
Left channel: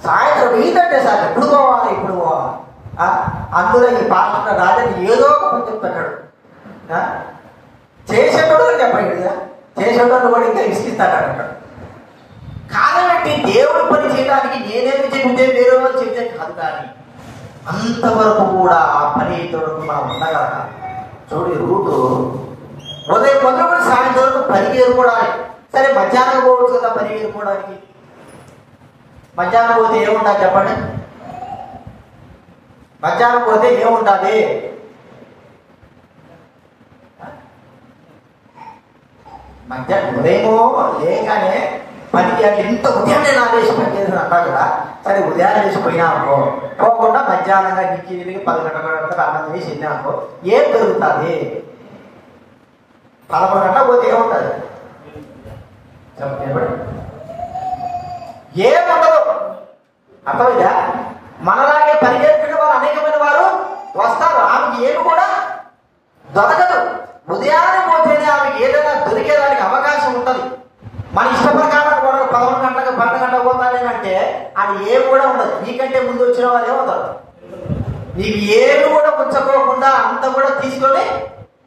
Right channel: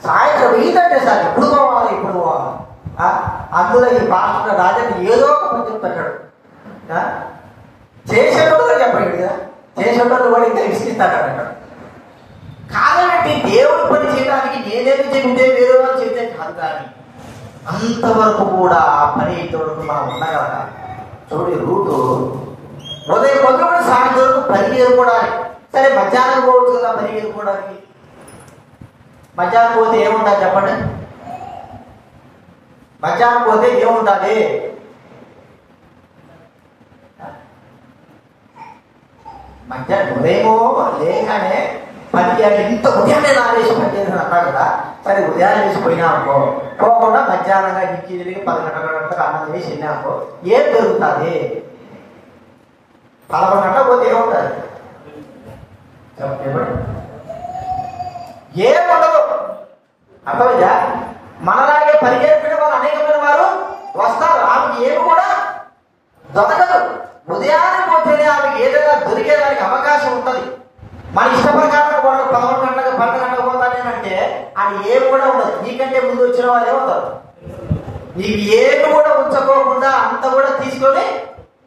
సాయంత్రం ఈదంటే సార్ ఇప్పుడు పోవాలి. అందులో ఈ పాస్టర్ రాజని ఏదో ఒక చెప్తాడు. చేసేటోళ్ళు చెప్పండి కదా, చేసేటోళ్ళు కూడా ఇంకా ఇస్తాడు అంటాడు. కాదండి దేవుడు పని చేయడానికి నేనేమి చెబితే వేరే వాళ్ళు చెబితే కాదు, కానీ అంతవరకు కూడా ఆ పని తోడుగా ఉండగా చూడు. రూటు ఉదయం కూడా సాయంత్రం పని చేసుకోవడానికి. సరే మధ్యాహ్నం పోవచ్చు కదా పని చేసుకోవడానికి. మధ్యాహ్నం పోతే ఏముంటుంది చెప్పండి? మధ్యాహ్నం పోతే ఏముంటుంది? మధ్యాహ్నం ఉదయమో లేగానే పనికి ఇంత ఉదయాన్నే నాలుగేసి పని చేసిన అన్నా కూడా సరే ఉదయాన్నే వేసి పోయినా అనుకో, పోకుండా మధ్యాహ్నంగా నుంచి 10 గంటల అన్నం చేసి వెళ్ళినా అనుకో, ఏం జరుగుతుంది? 11 గంటల పోతే ఏముంటుంది? ఏముండదు. అర్థమైందా? మనలాగే పరిగెత్తుకునే వారు అనేకమైన వారు వస్తారు. ఆమెకి ఏమి కూడా దొరకదు. ఉదయాన్నే పోతేనే ఆమెకి ఏదైనా దొరికేదానికి అవకాశం ఉంటుంది. మన ఇష్ట ప్రకారం 11 గంటలకు 12 గంటలకు పోతానేనంటే అది ఏమి కూడా ఉండదు. నీకంటే ముందు వచ్చిన వాళ్ళే ఉంటారు. నీకు ఏమి కూడా ఉంచుకోకుండా అంత కూడా తీసుకొని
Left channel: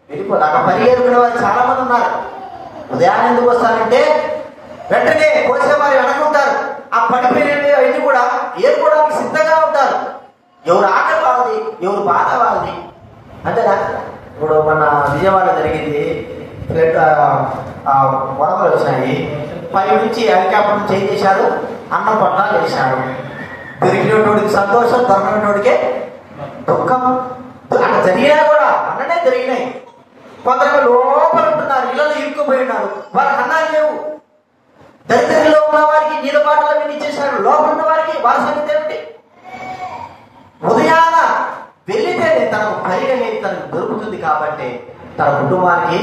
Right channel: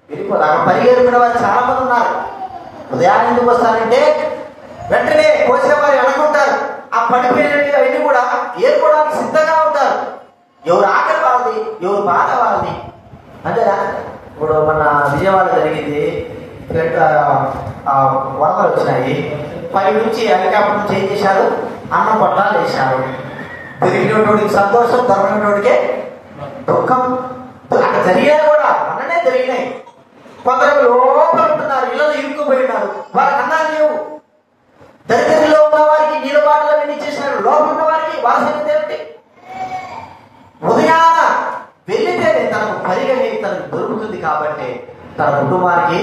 వెళ్ళిపోతారు. పరిగెత్తుకునే వారు చాలా మంది ఉన్నారు. ఉదయాన్నే ఎందుకు వస్తారంటే వెంటనే పోసిన వారు అనుకుంటారు. ఆ పడిపోయిన ఇది కూడా ఏర్పడడానికి సిద్ధంగా ఉంటారు. ఎవరు ఆకలి వాళ్ళది, ఎవరు బాధ వాళ్ళది. అంతేనా? ఇప్పుడు మన విజయవాడ జరిగింది, వరదలు వచ్చినాయి. పై నుంచి హెలికాప్టర్ నుంచి ఏం చేశారు? అన్నం పొట్లాలు వేశారు. దొరికినోడికి సంతోషం, దొరకనోడికే దుఃఖం. అక్కడ జరిగేది కూడా అన్ననే జరిగినాయి. కొందరు లోపల ఉంటున్నారు, ఇళ్ళలో ఇరుక్కుపోయినారు, వాళ్ళకి అన్నాలు లేవు. దరిద్రంలో ఉన్న వారికి నీళ్ళ బాటలు వెళ్ళి చేశారు. లోపల ఉన్న వారికి వాళ్ళ సంగతి ఏమిటి? ఉదయాన వెళ్ళితేనే తనకు పరిగణి తనకు దొరుకుతుంది. కాబట్టి తన కుటుంబానికి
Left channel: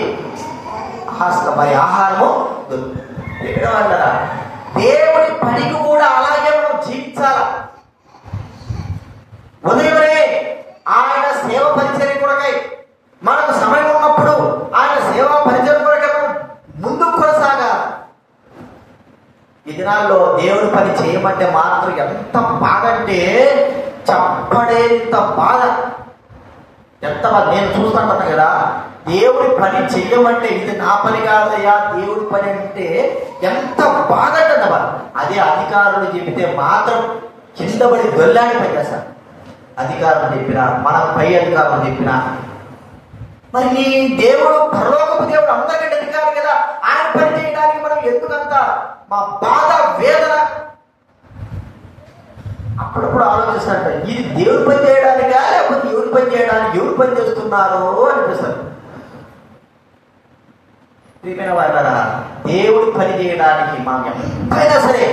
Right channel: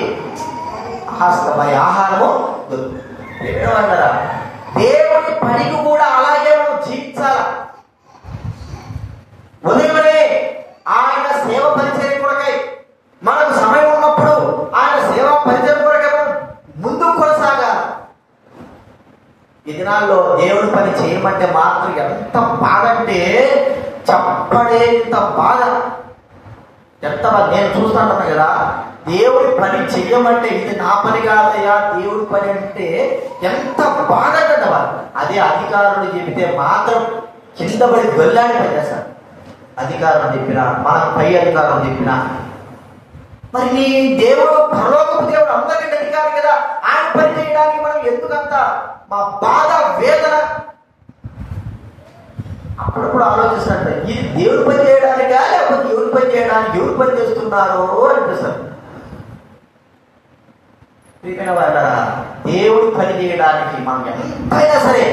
మరి ఆహారము దొరుకుతుంది. దేవుడి పనికి కూడా అలాగే మనం జీవించాలి. ఉదయమే ఆయన సేవ పరిచర్య కొరకై మనకు సమయం ఉన్నప్పుడు ఆయన సేవా పరిచర్య కొరకై మనం ముందుకు కొనసాగాలి. ఈ దినాల్లో దేవుడి పని చేయమంటే మాత్రం ఎంత బాధ అంటే చెప్పడేంత బాధ. ఎంత నేను చూస్తాను కదా, దేవుడి పని చెయ్యమంటే ఇది నా పని కాదయ్యా, దేవుడి పని అంటే ఎంత బాధ కదా. అదే అధికారులు చెబితే మాత్రం కింద పడి దొల్లాడి పని చేస్తారు. అధికారులు చెప్పినా, మన పై అధికారులు చెప్పినా. మరి దేవుడు పరలోకపు దేవుడు అందరికంటే అధికారి కదా, ఆయన పని చేయడానికి మనం ఎందుకంత మా బాధ వేదన? అప్పుడప్పుడు ఆలోచిస్తాంట, ఇది దేవుడి పని చేయడానికా లేకపోతే ఎవరి పని చేయడానికి, ఎవరు పని చేస్తున్నారో అనిపిస్తారు. దేవుడి పని చేయడానికి మనం ఎంతైనా సరే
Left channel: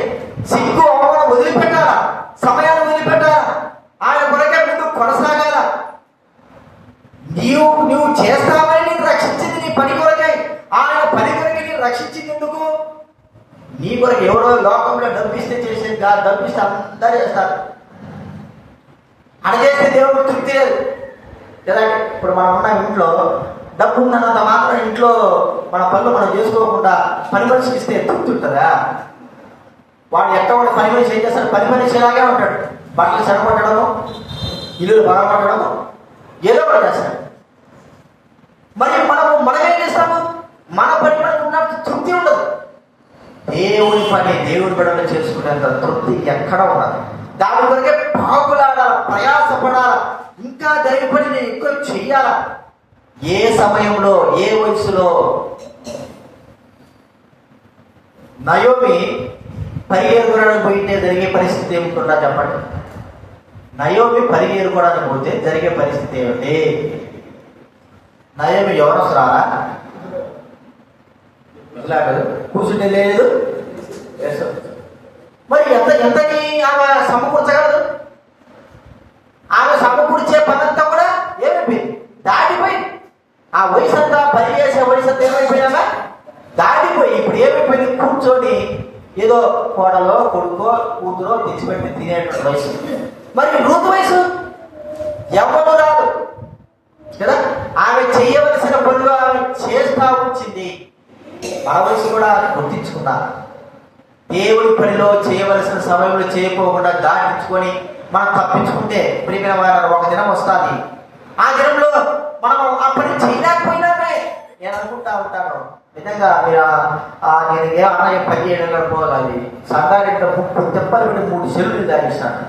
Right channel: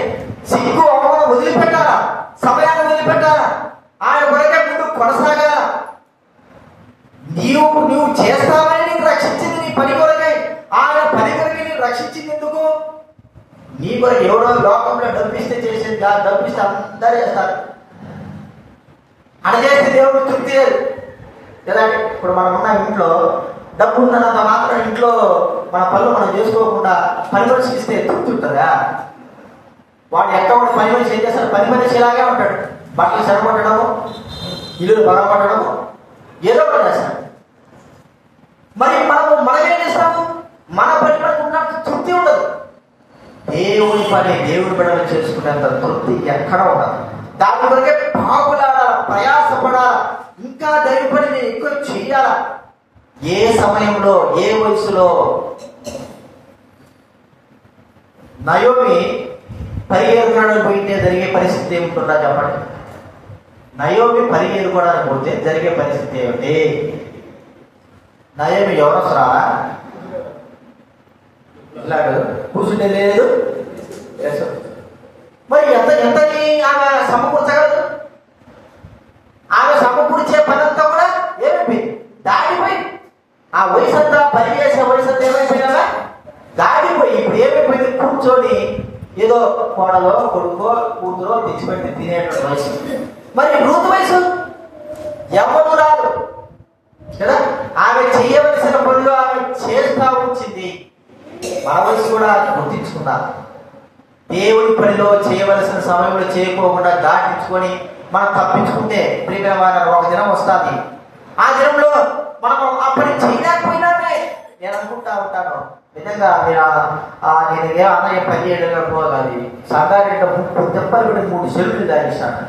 సిగ్గు అవమానం వదిలిపెట్టాలా, సమయాన్ని వదిలిపెట్టాలా, ఆయన కొరకే ముందు కొనసాగాల. నువ్వు చేస్తావని నీకు రక్షించింది నీ పని కొరకై. ఆయన పని కొరకై నీకు రక్షించింది ఎందుకు? నీ కొరకు ఎవరో లోకంలో డబ్బిస్తే చేసేది కాదు. డబ్బిస్తే అందరూ చేస్తారు. అడిగేస్తే దేవుడు తృప్తి లేదు కదా. ఇప్పుడు మనం ఉన్న ఇంట్లో డబ్బు ఉన్నంత మాత్రం ఇంట్లో మన పనులు మనం చేసుకోకుండా పని మనిషికి ఇస్తే తృప్తి ఉంటుందా? వాడు ఎక్కడ కూడా పని మనిషి ఏం చేస్తాడు? పని మనిషి ఇలాగే ఉంటాడు. బట్టలు సరిపడము, ఇల్లు బాగుపడము, ఏదో కూడా చేస్తాడు. మరి మనమేం చేస్తాము? మన పని మనకు ఉన్నట్టు తృప్తి ఉండదు. దేవుడి పని దేవుడి బిడ్డలు చేసుకునేంత తృప్తి ఎక్కడ ఉండదు. దాని కొరకే బాగులాడాల, ప్రయాసపడాల, ఇంకా దైవ పని నేను ఎక్కువ చెయ్యాల. ఏ సమయంలో, ఏ వయసులో నయోమి పరిగెరుకోవడానికి పోయితే జరిగే పరిస్థితి ఏమిటన్నా చెప్పండి. నయోమి పరిగెరుకోవడానికి పోతే జరిగే పరిస్థితి ఏమిటి? నయోమి ఎవరు వస్తారా? ఇలాగ కూర్చుంటే లేదు. మరి ఎంతని ఆమె సమకూర్చగలదు? ఆమె సమకూర్చే పనంతా కూడా ఏమైపోయింది? దాటిపోయి ఆ వయసు అంతా పని చేసే వయసు అంతా ఏమైపోయినా దాటిపోయి ఇప్పుడు ఏమైపోయింది? కూర్చొని ఏదో కోడలో కొడుకో కూతురో తెచ్చిపెట్టి తినే వయసు. మరి రూతు వయసు ఎవరు రాదు కదా. ఆమె చేయవలసిన పనులు ఆమె చేస్తా వచ్చింది. ఆ వయసు కూడా గుర్తించుకున్నా. దేవుడి పనిలో చేయవలసిన సమయంలో చేయకోకుండా దాటించుకొని మనం తప్పించుకుంటే ప్రియమైన ఒక దినం వస్తుంది. ఆ దినంలో మనం ఆ పని చేయలేకపోయినామే. నేను అనుకుంటా ఉంటాను, నిజంగా నేను ఏ అన్నయ్య పని చేయడం పోవాలి. సంగారెడ్డి దెబ్బలు 3 చెరువులు దాగిస్తాను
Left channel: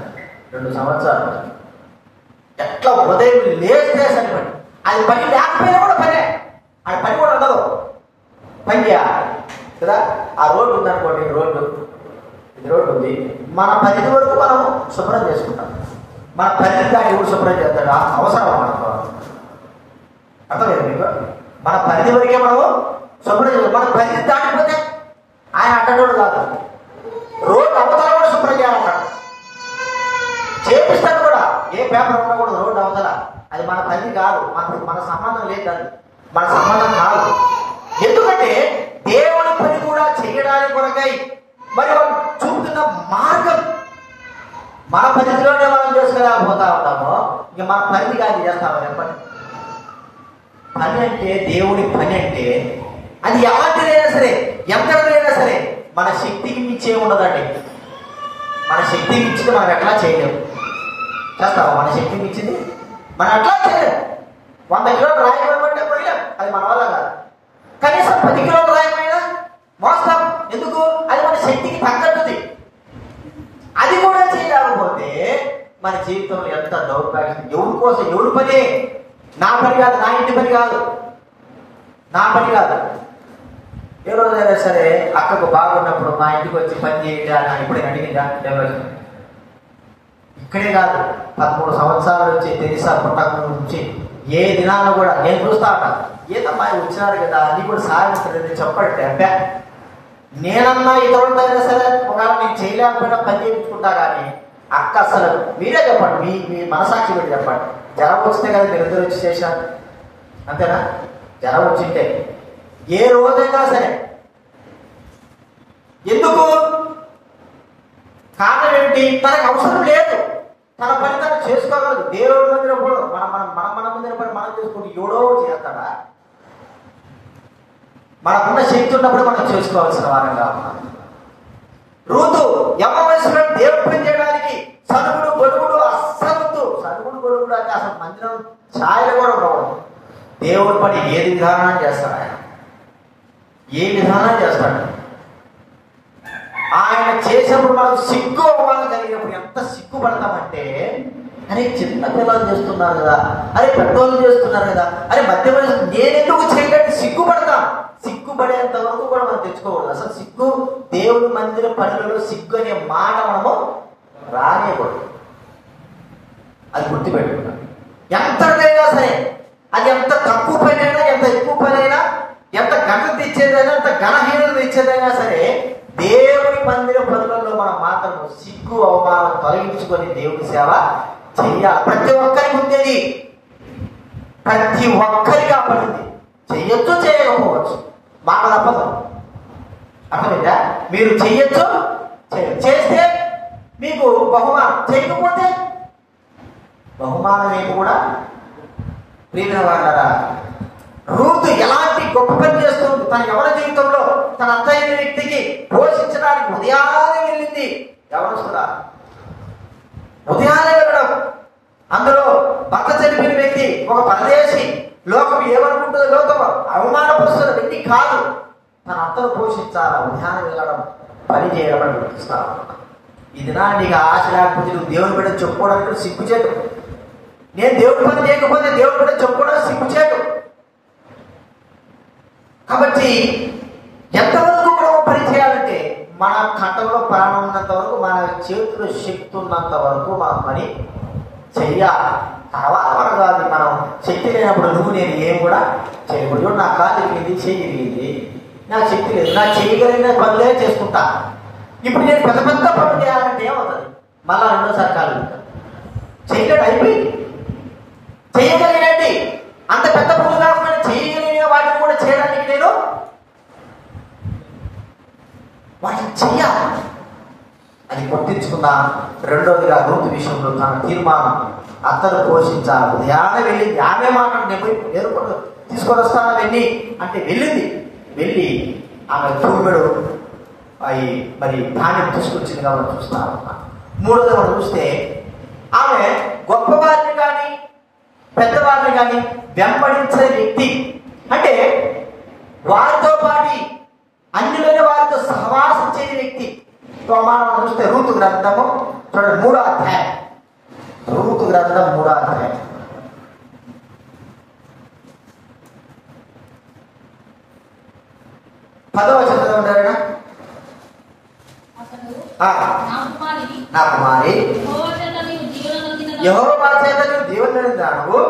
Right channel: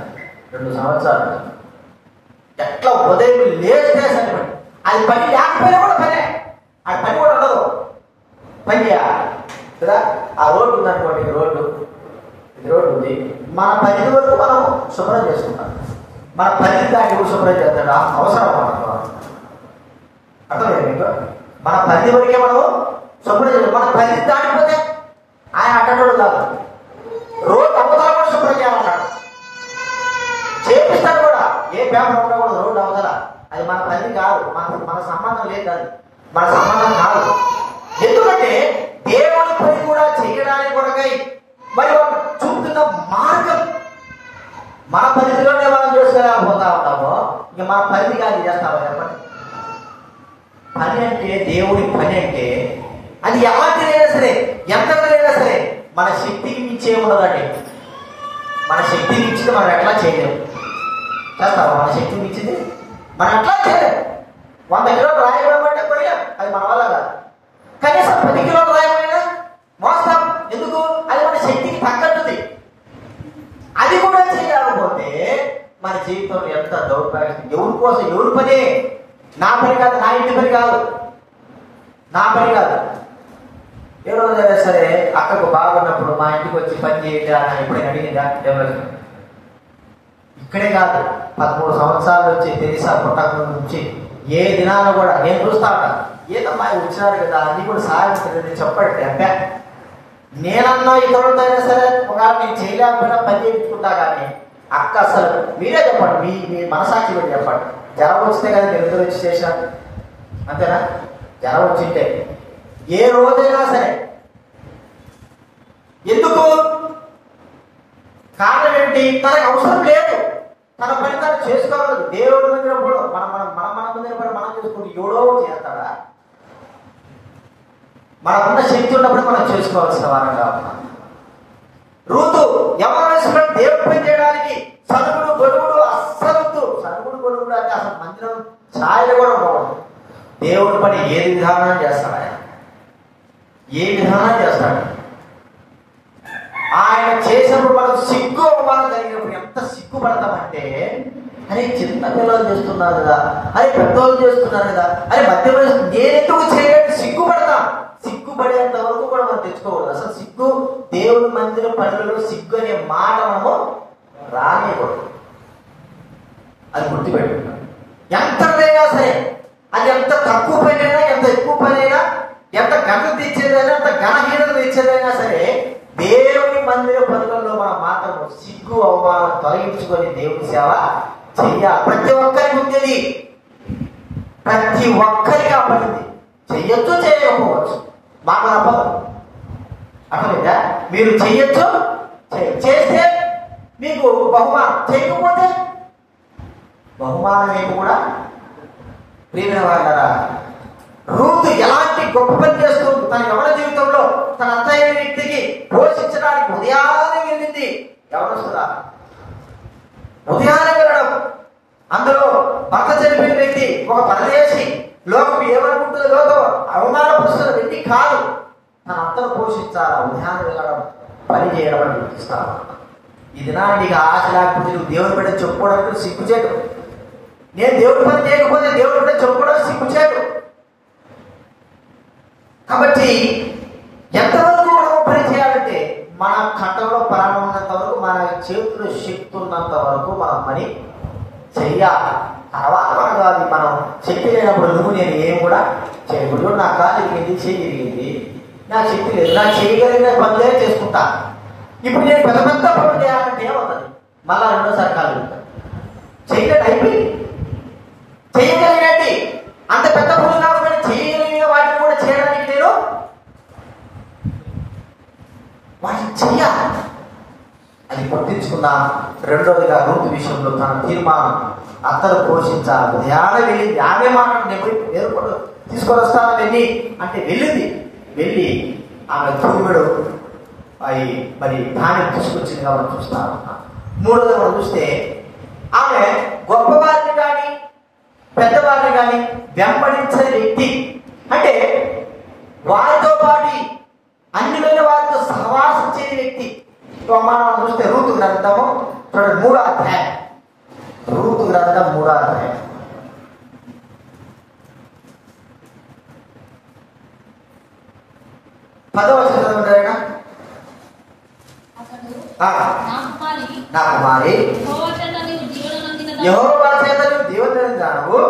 2 సంవత్సరాలు. ఎట్లా ఉదయం లేస్తే సరే అది పని లేకపోయినా కూడా పనే, అది పని కూడా ఉండదు. పని చేయాలి కదా. ఆ రోడ్డు ఉందనుకోండి, ఇది రోడ్డు ఉంది. మన పరిధి వరకు మనం శుభ్రం చేసుకుంటాం. మన పరిధి దాన్ని కూడా శుభ్రం చేస్తాడు, అవసరం అర్థలేదు మీకు. మన పరిధి వరకే మనం శుభ్రం చేస్తాం. మన పరిధి దాటిపోతే ఆయన అడ్డోడు కాదు. రోడ్డు అవతల కూడా శుభ్రం చేయాలన్నాడు, చేపిస్తాడు కూడా. ఏ పేపర్ ఉన్నా కూడా రోడ్డు అవతల అది మన పరిధి కాదు, మన సంబంధం లేదు, అది మన సంబంధం కాదు. ఎందుకంటే దేవుని పని కూడా చేయడానికి కొరకై మరి చూపుతున్న మార్గం మన పరిధిలోనే మనం చేసుకోలేకపోతా ఉంటాము. ఇక మన పరిధి కాదు చేస్తామని చెప్పండి. పని అంటే దేవుడి పని అంటే అది ఎవరికైనా సరే ఎంతైనా సరే మన శక్తికి మించే ఉన్నదండి. మన శక్తికి మించితే మనం ఎట్లా చేయలేము. చేస్తామా? మన శక్తికి మించింది మనం అట్లా చేయలేము. 100 కిలోలు రాయడం అంటే పోయినా అది మన వల్ల కాదు. కనీసం 10 కిలోలు రాయమైనా మోస్తాం. ఎందుకు? అది మన శక్తికి తగ్గట్టుది. అది కూడా చేయలేకపోతే మన జీవితంలో ఎంత దౌర్భాగ్యం. ఎవరి కోసం ఎవరి పని? నా పని కాదు, నా ఇంటి పని కాదు, నా పని కాదు. ఏ రోజైనా సరే అక్కకు బాగున్నప్పుడు మా ఇంటికి వచ్చి పని చేయడా ఎప్పుడైనా అడిగిందా? డెవలప్మెంట్ ఇక్కడే కాదు, 13 సంవత్సరాల నుంచి తెలిసా పుట్టక నుంచి ఏ దినాన కూడా నేను చూస్తా ఉంటాను. ఏదమ్మా వచ్చినారు కదా అన్ని కూడా సాధించలేదు చెప్పండి. అబ్బా నేనన్నా ఇతరులైనా సరే ఒకవేళ నేను చేయలేకపోయినా పని చేయించుకుంటా. కానీ అక్క అసలు మీరే చెప్పండి, మీ మనసాక్షి పెట్టి చెప్పండి. జ్వరం వచ్చితే కదా తెలుగులో వచ్చి చేశాను అంతేనా? జ్వరం వచ్చింటే ఏ రోజైనా సరే ఎందుకు? కారణం ఏంటి? తనకు అవసరం లేదు, తన పని తను చేసుకోవాలి. దేవుడి మందిరం కూడా మన మందిరం పని మనం చేసుకుంటే ఎవడో చేస్తాడా? మనకున్న శక్తి ఉన్నప్పుడు మనం చేసుకోవాల్సిన వారంగా. రూతు యవనస్తులు దేవుడు పని చేయడానికి సనుగుడు గొడుగుడు అస్సలు సనుగుడు గొడుగుడు అంటే అసలు మందిరం ఛాయలు కూడా ఉండవు. దేవుడి పని ఏది విధానం చేస్తాడు ఆయన, ఏ విధానం చేస్తాడు ఆయన. చేసినప్పుడు మనం సిగ్గు అవ్వాలి జరిగినప్పుడు ఎంత సిగ్గుపడతామంటే, అరే చిన్న పిల్లలు చేస్తున్నారు కదా, అరే పెద్దోళ్ళు చేస్తున్నారు కదా, అరే మధ్య నేనెందుకు చేయడానికి సిగ్గుపడతాం. సిగ్గుపడేంత వరకు కూడా మనం తెచ్చుకోకూడదు. అసలు సిగ్గు దేవుడి మందిర పనులలో సిగ్గు అనే మాట మనము రానియకూడదు. అది గుర్తుపెట్టు. ఎంతైనా సరే అది ఎంత తక్కువ పని అయినా, ఎంత ఎక్కువ పని అయినా, ఎంత ఘనత తెచ్చేదైనా, ఎంత ఘనహీనత తెచ్చేదైనా సరే దేవుడి మందిర పనులలో మనం మాత్రం సిగ్గు అవమానం తొలగించుకొని దేవుడి సేవ చెయ్యాలి. ప్రతి ఒక్కరికి ఉంది, ప్రతి ఒక్కరికి ఆ పడింది. చెయ్యొచ్చు, చేయకపోవచ్చు, మాట తప్పదు. అర్థమైందా? మీరు చెయ్యొచ్చు, చేస్తే మీకు బహుమానం, చేయకపోతే బహుమానం ఏమి కూడా. ప్రియమైన వారలారా, రూతు ఎలాంటి గొప్ప పని చేస్తుంది. తన ఎవరి జీవితంలో తన అత్తయ్య వ్యక్తికి పోషించడానికి ఉదయాన్నే వెళ్ళింది. ఎవరు ఉదయాన్నే వెళ్ళడం. అందులో భర్త చనిపోయిన వ్యక్తి ఒక పరదేశి, లోకం ఏమనుకుంటుందో లోకం అవమానపరుస్తున్న వ్యక్తి కాదు. తన అత్తను పోషించాలా, ఉదయాన్నే వెళ్ళడం, పని చేయడం అని గుర్తిస్తాను. ఈ దినాన్ని నీకు ఆశ లేకపోతే నువ్వు దేవుడి బిడ్డ చెప్పుకోవడానికి సిగ్గు చేయడు. నేను దేవుడి పని చేయకపోతే దేవుడి బిడ్డ చెప్పుకోవడానికి సిగ్గు చేయడు. కాబట్టి ఎంతవరకు మనం పని చేయాలంటే మన కంటంలో ప్రాణం ఉన్నంత వరకు, మన చేతులు శక్తి ఉన్నంత వరకు మనం పని చెయ్యాలి. తర్వాత కాదు, మనం శక్తి లేనప్పుడు నువ్వు నేను ఏం కూడా చేయకూడదు. నా కాలు ఇరిగింది, చేయి ఇరిగింది, నా శక్తి లేదు, నా చేయగలిగిన పనులే చేసుకుంటా. ఇప్పుడు నేను పెద్ద పెద్ద పనులు చేయాలంటే ఏమవుతుంది? మళ్ళా రెండోసారి కాలు చేయలేదు, అయిపోయింది. చేయగలిగినట్టు అంత పెద్ద పనులు కాకుండా చేయగలిగిన వాటిని కూడా చేయడానికి నేను వాటిని చెయ్యాలి. గుర్తించుకుందాం. రెండోదిగా రూతు విషయంలో తన తీర్మానం అత్తను పోషించాలి. ఆమె వెళ్ళింది, ఆమె మాట తీసుకొని వస్తాను వెళ్ళి అంటే వెళ్ళి ఆమె తోడు అవి మరి దానికి తీసుకొచ్చింది కాబట్టి చూస్తాను. మూడోది మనం చూస్తే ఆమె గొప్పవారిని కానీ పెద్దవారిని కానీ వెంబడించే వ్యక్తి, అంటే వారితో పాటు అన్యులైన వారితో సహవాసం చేయని వ్యక్తి. మనం చూస్తే రూతు గ్రంథము చూడండి 3వ అధ్యాయం, రూతు గ్రంథం 3వ అధ్యాయం 10వ వచనం. నా కుమారి యెహోవా చేత నీవు దీవెనలను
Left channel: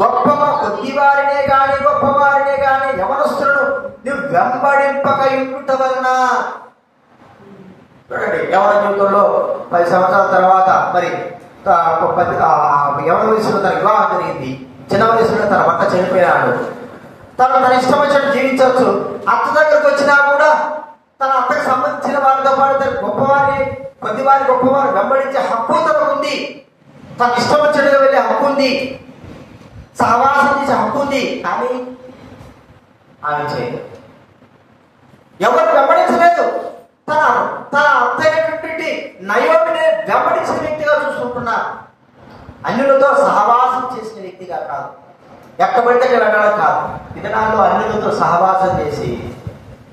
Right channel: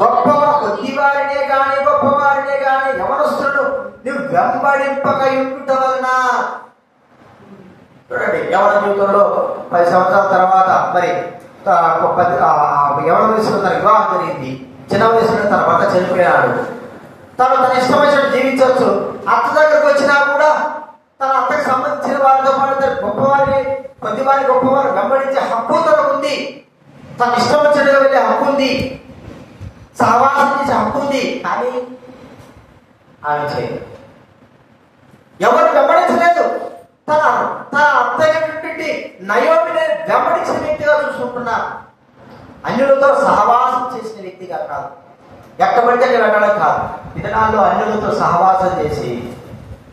గొప్ప కొద్దివారినే గాని గొప్పవారినే గాని యవనస్తులను నువ్వు వెంబడింపక ఉండుట వలన. చూడండి, యవన జీవితంలో 10 సంవత్సరాల తర్వాత మరి యవన వయసులో తన వివాహం జరిగింది. చిన్న వయసులో తన భర్త చనిపోయాడు. తన ఇష్టం వచ్చినట్టు జీవించవచ్చు. అత్త దగ్గరకు వచ్చినా కూడా తన అత్తకు సంబంధించిన వారితో పాటు గొప్పవారి కొద్దివారి గొప్పవారు వెంబడించే హక్కు తనకుంది. తన ఇష్టం వచ్చినట్టుగా వెళ్ళే హక్కు ఉంది, సహవాసం చేసే హక్కు ఉంది. కానీ ఆమె చేయదు, ఎవరు వెంబడించలేదు. తన అత్తయ్య నయోమిని వెంబడించిన వ్యక్తిగా చూసుకుంటున్నా, అన్యులతో సహవాసం చేసిన వ్యక్తిగా కాదు, ఎక్కబడితే వెళ్ళడం కాదు. దినాల్లో అన్యులతో సహవాసం చేసి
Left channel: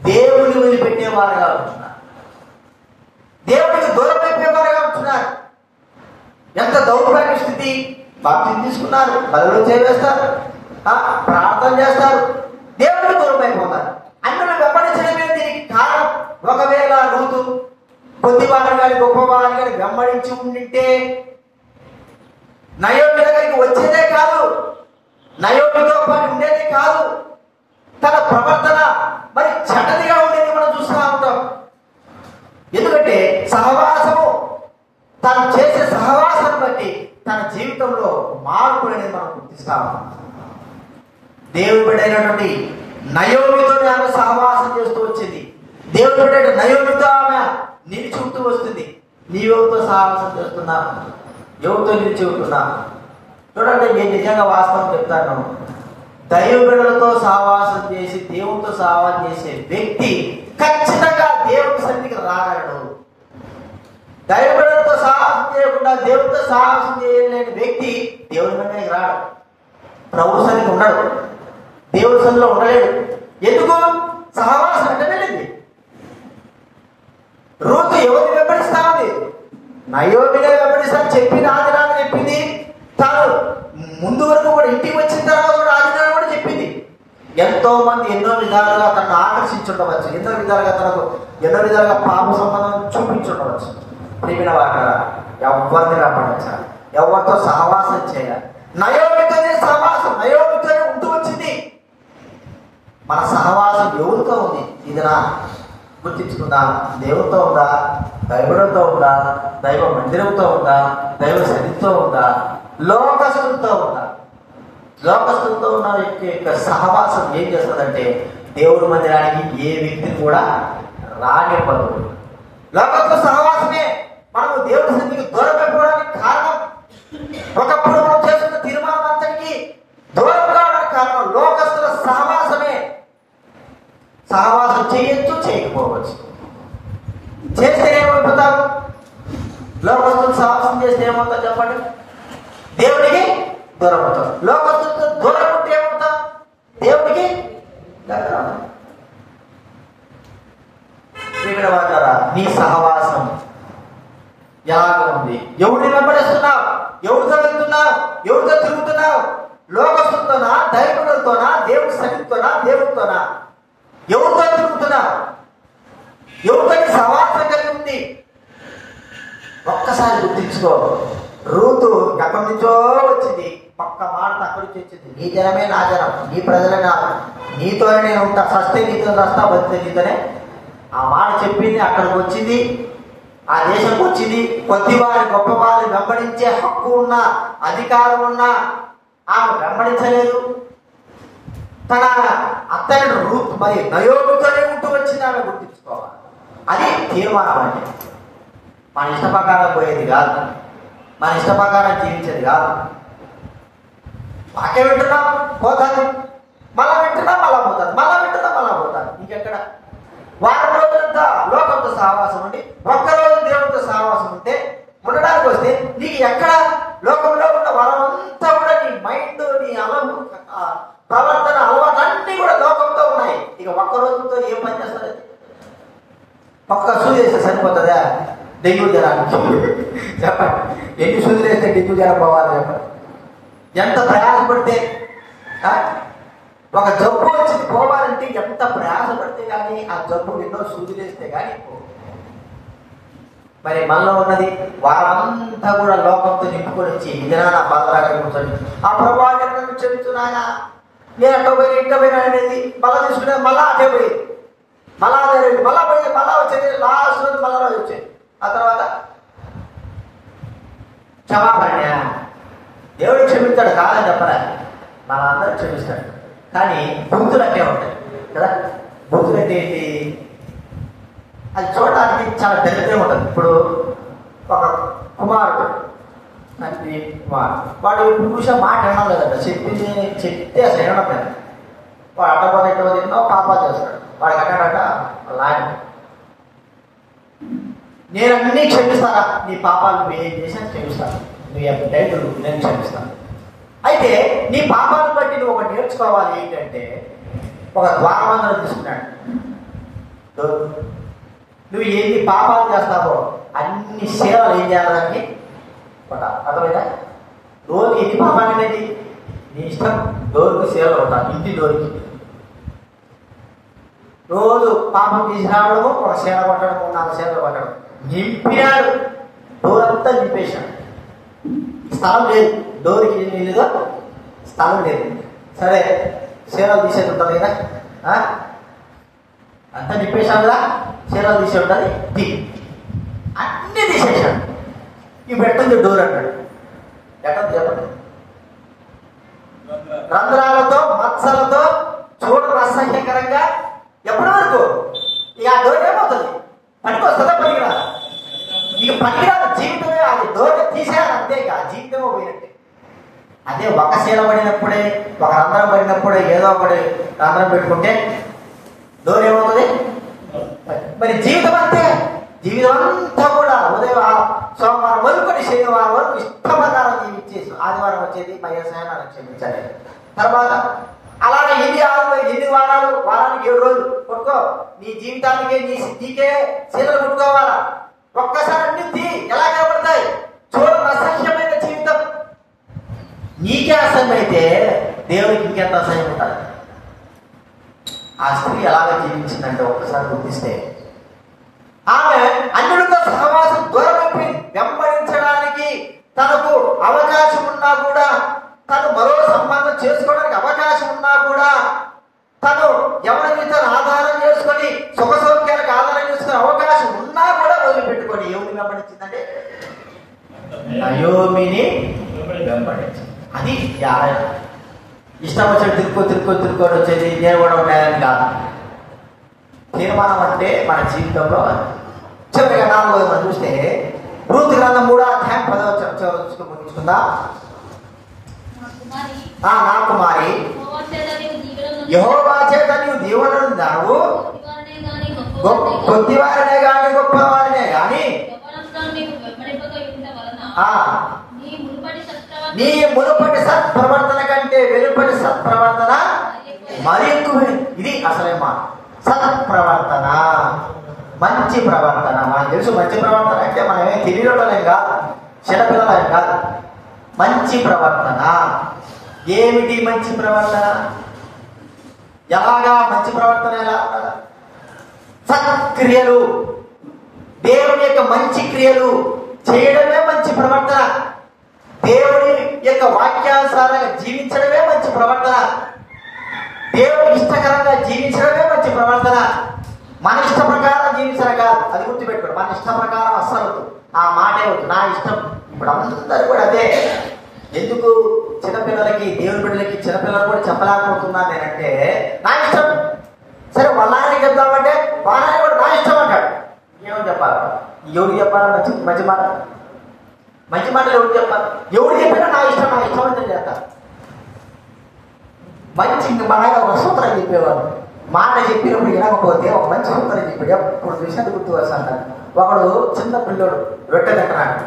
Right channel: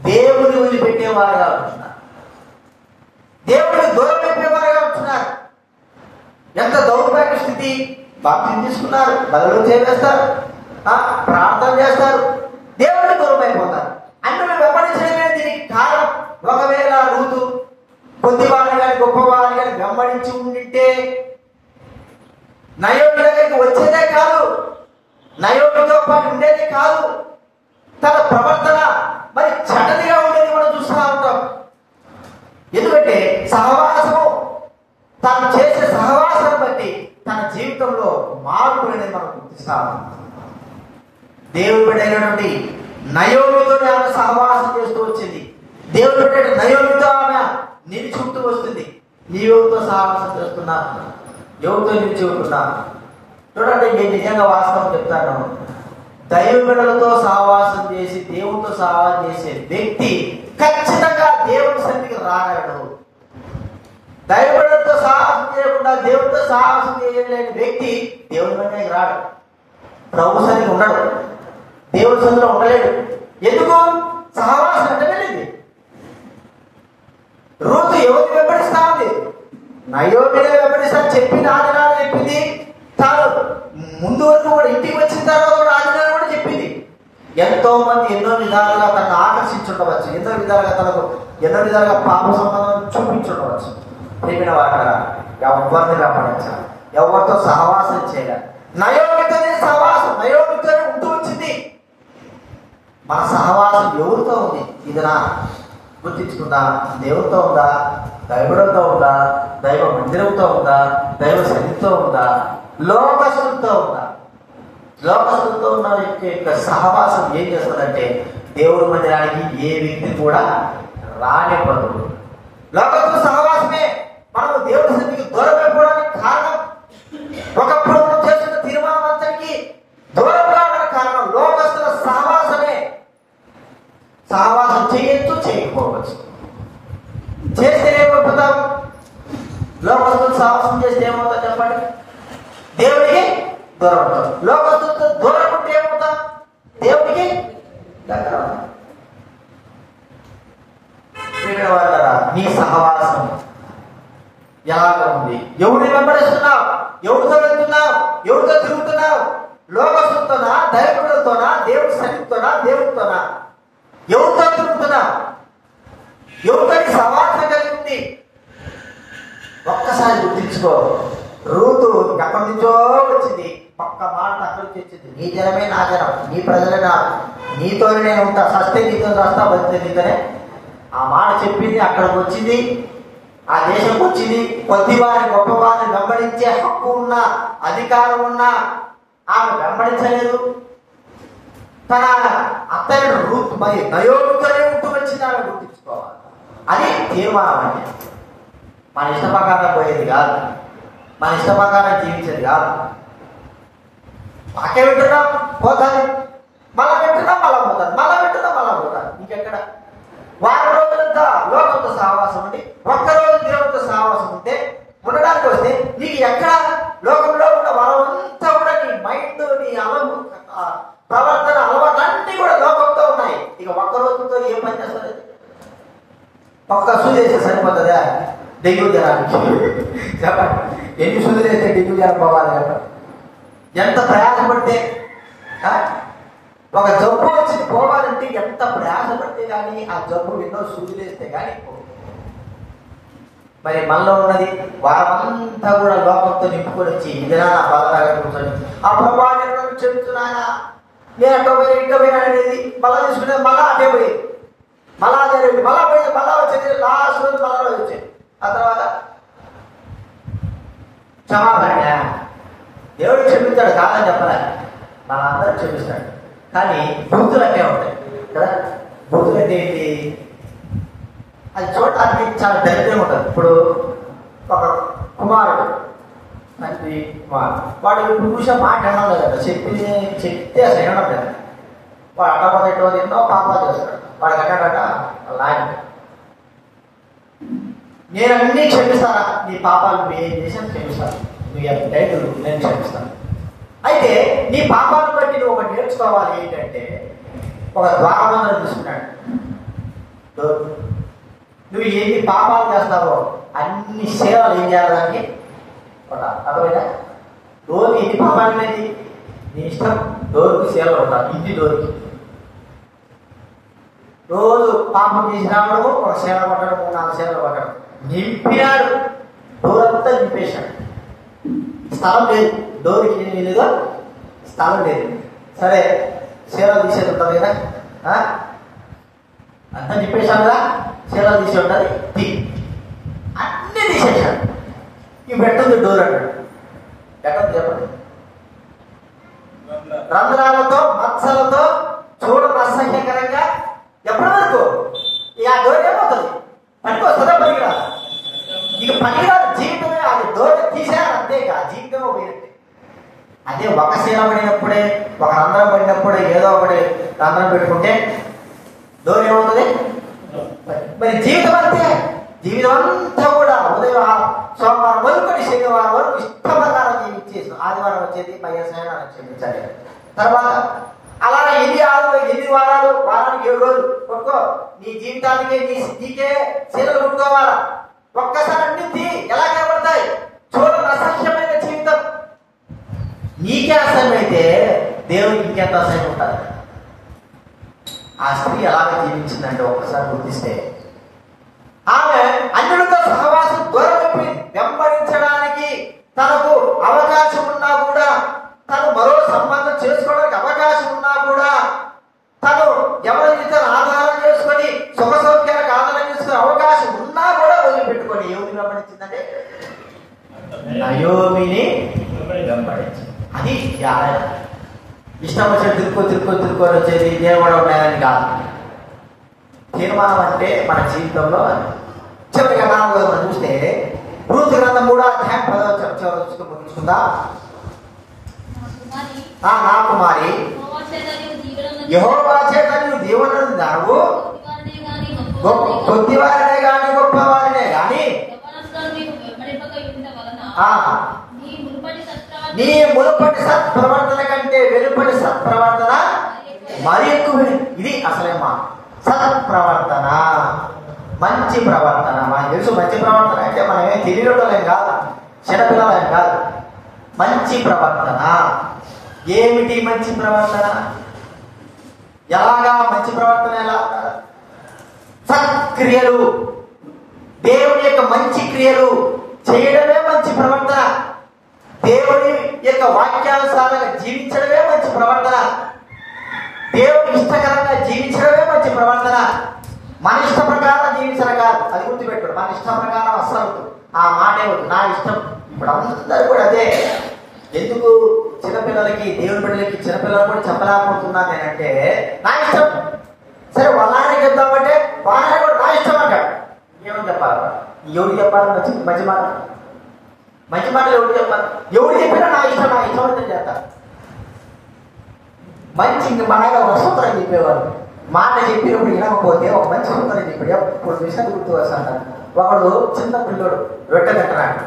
దేవుని వదిలిపెట్టేవారుగా ఉంటున్నారు, దేవుడికి దూరం పెట్టేవారుగా ఉంటున్నారు. ఎంత దౌర్భాగ్య స్థితి! బాప్తిని తీసుకున్నారు, బదులు చేస్తారు, ప్రార్థన చేస్తారు, దేవుడికి దూరం అయిపోతారు. అన్యులు వెంబడించడమే దీనికి కారణం. ఒకవేళ రూతు కొద్దివారిని కానీ గొప్పవారిని కానీ వెంబడించి ఉండింటే నయోమి దగ్గరికి వచ్చేదే కాదు, నయోమితో పాటు ఉండేది కాదు. తన ప్రవర్తన మరి చెడ్డదిగా ఉండేది కూడా చూస్తూ ఉంటాం. ఎందుకంటే సహవాసము, తను చేసే సహవాసం బట్టి తన జీవితంలో మార్పు అనేది మనం గుర్తిస్తాము. దేవుడి బిడ్డైనటువంటి నయోమితో ఆమె సహవాసం చేస్తూ వచ్చింది. దేవుడి బిడ్డ నయోమితో ఆమె నిలిచుకుంటూ వస్తుంది. నీవుతో సహవాసం చేస్తున్నా, ఎవరితో నిలిచి ఉంటున్నా? చూడండి, నేను నిజంగా వాస్తవం చెప్తాను. దైవబిడ్డలతో సహవాసం చేసి దేవుడితో సహవాసం చేసే వ్యక్తి ఖచ్చితంగా దేవుడి సన్నిధికి రాగలడు. దైవబిడ్డలతో సహవాసం చేయకుండా దేవుడితో సహవాసం చేయలేని వ్యక్తి దేవుడి సన్నిధికి రాడు, ప్రభు సన్నిధికి ఉండడు, దేవుడి సన్నిధిలో ఉండలేడు. ఎందుకు? సహవాసం అంటే వెళ్ళింది. రూతు ఎవరిని వెంబడిస్తా ఉంది? నయోమినే వెంబడిస్తా చెప్పింది, ఆదినాలు చెప్పింది. తాను ముందు వరకు కూడా ఇంటికి వచ్చిన తర్వాత కూడా ఆదినాలు కూడా చెప్పింది. ఎంతో మంది ఎన్నో విధాలుగా తనను ఆకర్షించుండవచ్చు, ఎన్నో విధాలుగా పాప సంబంధం చూపించుండవచ్చు. ప్రేమిన వాట ఎవరిని రాపడించాలి, ఎవరితో సహవాసం చేయాలి. నయోమితోనే సహవాసం, నయోమితోనే ఉంటూ వచ్చింది. మన సహవాసం ఎవరితో ఉంది? ఇది నా గుర్తించుకుందా? దేవుడితో ఉందా? దైవుడితో ఉందా? దైవ మందిరంతో ఉందా? దైవ సన్నిధితో ఉందా? లోకస్తులతో ఉందా? లోకస్తులతో ఉన్న వ్యక్తి యొక్క సహవాసం ఏం చేస్తుందంటే దేవుడి మందిరానికి ఏ వ్యక్తి కూడా రానివ్వదు. లోకస్తుల సహవాసమే మనము దేవుడి సన్నిధికి దూరం అయిపోవడానికి కారణం. ఒకప్పుడు మనం చేస్తున్న తీర్మానం అంతటికి దూరం కావడానికి కారణం లోకస్తుల సహవాసమే. సహవాసం చేయొచ్చు, చేయకపోవచ్చు. చేస్తే ఏమైపోతాం? లోకస్తులు సహవాసం చేస్తే ఏమవుతా చెప్పండి? దేవుడికి దూరం అవుతాం. లోకస్తులతో దూరం ఉంటే ఏమవుతాం? దేవుడికి దగ్గర. నీ సహవాసం ఎలాగ ఉంది? ఎవరిని వెంబడిస్తున్నావు? ఎవరితో వెళ్తున్నావు? ఎవరితో తిరుగుతున్నావు? లోకస్తులతోనా, దైవతులతోనా, దేవుడి సన్నిధితోనా, దేవుడితోనా? ఎవరితో తిరుగుతున్నావు? ఎవరితో సహవాసం కలిగి ఉంది? ఒక్కసారి గుర్తించుకో. రూతు ఎక్కడి నుంచో వచ్చింది, ఒక్క మాట అక్కడి నుంచి వచ్చింది. నీ జనమే నా జనం, నీ ప్రజలే నా, నీతోనే నేను ఉంటా, సస్తే నీతో వస్తా, బతితే నీతోనే. ఆ మాట చెప్పింది, అక్కడికి వచ్చింది, ఆ దేశంకి వచ్చింది. కొద్దివారి గొప్పవారిని వెంబడించే హక్కు ఉన్నా, అధికారం ఉన్నా ఆమె వెంబడించలేదు. తన అత్తయ్య రూతు మరి నయోమితోనే ఉంటూ వచ్చింది. ఆమె గుర్తించుకోవాలి. అది తీర్మానం అంటే. మన ఇష్ట ప్రకారం పోయేది కాదు, మన ఇష్ట ప్రకారం జీవించేది కాదు. వాక్యం వింటున్నాం పోతాను, మళ్ళా వింటున్నా మళ్ళా పోతాను, మళ్ళా వింటున్నా మళ్ళా పోతాను. ఇంకెక్కడ వారం రోజులంతా లోకంతో సహవాసం ఉండి ఒక్కరోజు దేవుడితో సహవాసం ఉంటే ఉండడానికి వస్తే నీకు ఎక్కడ లోకంలో ఉన్న వాళ్ళంతా కూడా నీ మైండ్, నీ ప్రవర్తన అలవాటు అన్ని కూడా లోకంతో ఉన్నాయి. ఇక ఒక్క రోజుతో ఏం పని చేస్తుంది? ఒక్క సూది వేస్తే సరిపోతుందా డెంగ్యూ జ్వరానికి? చెప్పండి, ఎన్ని సూదులు వేస్తే డెంగ్యూ జ్వరం పోవాలి? చెప్పండి. ఎంత ప్రయాసపడితే ఒక జబ్బు వచ్చి పోవాలంటే ఎంత ప్రయాసపడితే కానీ ఆ జబ్బు ఎన్నో సూదులు వేస్తే కానీ. మరి మనలో ఉన్నది వారంతా కూడా లోకంతో నింపుకొని వచ్చి ఇలా బాధగా కూర్చొని ఆ ప్రభావం చెబుతున్నాయా నేను అక్కడ పోయి ఇంకా పోయినా అనేది మళ్ళా తీసుకునే మళ్ళా అటే పోయి మళ్ళా అదే మళ్ళా పోయి మళ్ళా వచ్చేది లాస్ట్ రోజు మళ్ళా వచ్చేది. ఆ తర్వాత క్షమాపణ దేవుడు క్షమిస్తాడు కాదని చెప్పరా? మనందరూ క్షమిస్తాడు. కానీ బూతులు అంటే ఉంటాయి కదా. బూతులు అంటే ఏంటి? అది చూడటానికి చాలా ధైర్యం ఉంటుంది. ఇప్పుడు ఒక కుమారుడు తండ్రి కుమారుడు వాడు పురుష మాట అనలేదంట, చెప్తే అసలు ఏమవుతుంది? వాడు అట్టబోతే ఎన్నో పాపాలు చేస్తాడు. వాడు అన్నాడట లాయన, నేను అన్నీ క్షమిస్తాను, నీ పాపాలు నువ్వు ఏం చేశాను క్షమిస్తాను, నువ్వు ఎంత డైట్ నేను క్షమిస్తాను. అయితే నీ పాపాలను బట్టి నువ్వు ఒకటి నేర్చుకోవాలి. ఏంటంటే ఒక ద్వారబంధం తీసుకున్నాడు. నువ్వు ఎన్ని పాపాలు చేస్తావో అన్ని సేవలు ఏం చేయాలని అర్థమైనా? డోర్ ఎన్ని పాపాలు అనేది నీ ఇష్టం. డోర్కి సేవలు అవుతాను, ఇంటి డోర్కి రోజు పాపం చేసి రావడము, ఒక సేవ పట్టడం, 4 సేవలు పట్టడం. నింపినాడు, డోర్ అంతా నింపేశాడు. స్థలం లేదు, డోర్కి ఏం లేదు, స్థలం లేదు. సరే సేవలు తీసేది ఉంటుంది కదా, అంతా నింపేశాం కదా, సేవలు తీసి ఉంటుంది, అన్నీ తీసేసాడు. ఇవి పెట్టింది డోర్ అన్నాడు. ఎక్కడ చెప్పండి? రంధ్రాలతో మత్సలతో చూడడం అసహ్యకరంగా ఎప్పుడు వరకు ఇక ఆ డోర్ ఏమవుతుంది? పనికొస్తుందా? పనికిరాదు. ఇక పనికిరాదు జీవితమే. అది డోర్ తీసేయాలి అంతే, ఇక జీవితమే పోయినట్టే. అదే ఒక శీల పడినప్పుడే, ఒక రంధ్రం పడినప్పుడే ఏదో ఒకటి రంధ్రం పెట్టుకుంటే డోర్ ఏమవుతుంది? మరి జీవితం అంతే. జీవితం అంతా కూడా ఉదయం సోమవారం వరకు శనివారం వరకు ఇష్టప్రకారం జీవించేసి ఆదివారం వచ్చేది మహేశాన్ని క్షమించాలి. తర్వాత అలాగే ఎన్ని వారాలు, వారానికి 7 రోజులు కొట్టుకో. నీ జీవితానికే నీకే శీలలు కొట్టుకోవాలా. ఒక్కసారి అన్ని ఎలా కనబడతాయి? చూడండి, అసహ్యమైన జీవితం. నీకే అసహ్యం అయితే దేవుడికి ఇంకెంత అసహ్యం ఉంటుంది? ఆ స్త్రీ ఎలాగ జీవించిందంటే ఒక్కసారి గుర్తిస్తే, ఆమె అన్యుడితో సహవాసం దూరం వెంబడించడానికి తనకు అవకాశం ఉన్నా కూడా, తను మరో సంబంధం చేసుకోవడానికి అవకాశం ఉన్నా కూడా, తను ఎవరైతే ఆధారం చేసుకొని సుఖ సౌఖ్యాలకు ఆధారం చేసుకునే అవకాశం ఉన్నా కూడా వదిలిపెట్టుకొని ఎవరిని వెంబడించిందంటే నయోమిని వెంబడించింది. అది ఇష్టం వచ్చి తిరుక్కొని వచ్చేది దేవుడు ఉన్నాయని కాదు. తీర్మానం అంటే మన జీవితంలో చివరిగా 4వ చూస్తే రూతు గ్రంథం 3వ అధ్యాయం 10వ తీసుకుందా? నా కుమారి, యెహోవా చేత నీవు దీవెనలున్నావు, కొద్దివారినే గాని గొప్పవారినే గాని నీ మునుపటి సత్ప్రవర్తన కంటే వెలుపటి సత్ప్రవర్తన మరి ఎక్కువ. ఇది అసలేమ్మా సత్ప్రవర్తన, మంచి ప్రవర్తన. మనకు తెలుసు మంచి ప్రవర్తన అంటే మనం ఏం తెలియడం కాదు, చిన్నపిల్లలేం కాదు. మంచి ప్రవర్తన ఏమిటి? మంచి ప్రవర్తన ఎలాగా? మంచి ప్రవర్తన ఎలా? సత్క్రియలు, దేవుని యొక్క మంచి క్రియలు చేయడమే మంచి ప్రవర్తన. దేవుని యొక్క వాక్యానుసారంగా జీవించడమే మంచి ప్రవర్తన. దేవుడు ఇష్టకరంగా జీవించడమే మంచి ప్రవర్తన. మన ఇష్ట ప్రకారం జీవించడం కాదు, అది గుర్తుపెట్టుకోండి. మన ఇష్ట ప్రకారం అస్సలు ఆ మాటే నా ఇష్టం. ఇప్పుడు అందరూ కూడా అదే. ఎందుకు చిన్నపిల్లలకి, దేవుని బిడ్డలకి, చిన్నపిల్లలు కూడా చెప్పలేకపోతున్నాను నేనంటే, నా ఇష్టం. సరే వాళ్ళని చెప్తామంటే వాళ్ళని కూడా నా ఇష్టం అంటాడు. మంచి మాట. మంచి మాటలు ఎవరు చెప్పారు? ఎవరు చెప్పినా నా ఇష్టం అంటే చేస్తా. మంచి బాగా వసూతరం చెప్పేవారు. మాట చెప్పినప్పుడు వినకపోతే ఒక మంచి సూత్రం చెప్పాడు. ఎప్పుడు విషయం గుర్తు వస్తాడు. ఒకడు చిన్న పిల్లడు రొట్టె తింటున్నాడు.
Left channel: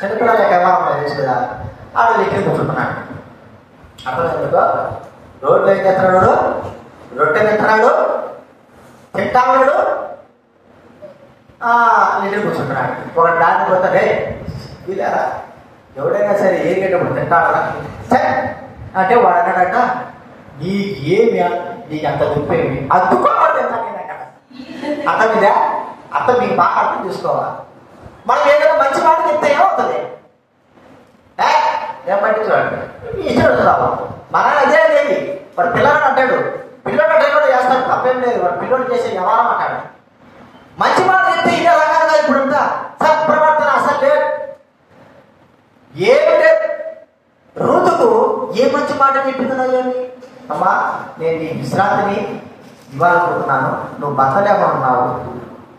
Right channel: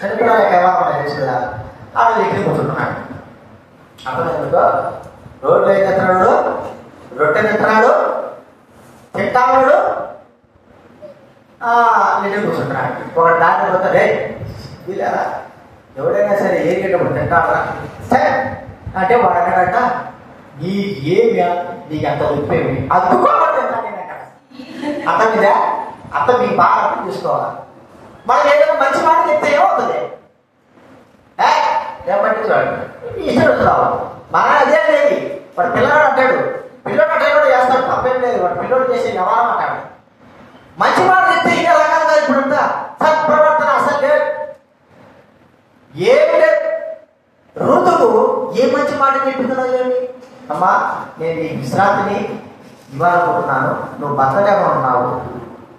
చిన్నపిల్లలు ఎలా ఉంటాయి తెలుసు కదా, ఆడు దగ్గర కూర్చుంటున్నాడు. అప్పుడు రోడ్డు ఏం చేస్తున్నాడు? రొట్టె తింటున్నాడు, తింటాడు, దగ్గర కూర్చుంటున్నాడు. ఒక దాన్ని పోతాడే ఇలా ఎవడైనా సరే ఏరికేటప్పుడు తింటాడా సరే అంటే వాడు అన్నాడట, నీకేమి నీకు అంత ఉప్పేమి అద్దుకోవాలి అత్త మీద. అత్త మీకు బాగా అర్థం చూసుకోవాలా. మనం ఏదైనా మంచి మాట చెప్తే ఏమవుతుంది? పట్టించుకోండి ఇష్టం. మన అదే లేదు. వాడు పిల్లడు అంటాడు, పిల్లడు అంటే కూడా చేస్తాడు, తప్పేం లేదు. వాడు పిల్లడు చేసే వ్యవహారం అంటాడు. మంచి మాట చెప్తే ఇదే రకాలుగా ఇప్పుడుందా సత్ప్రవర్తన అసలు లేదు, ఏమి లేదు. ఋతువు ఏ మంచి మాట చెప్తున్నాయేమి? అమ్మా నేను నీ విశ్రాంతిని ఇవ్వాలనుకుంటున్నాను, నువ్వు భర్తలేమో ఉన్నావు,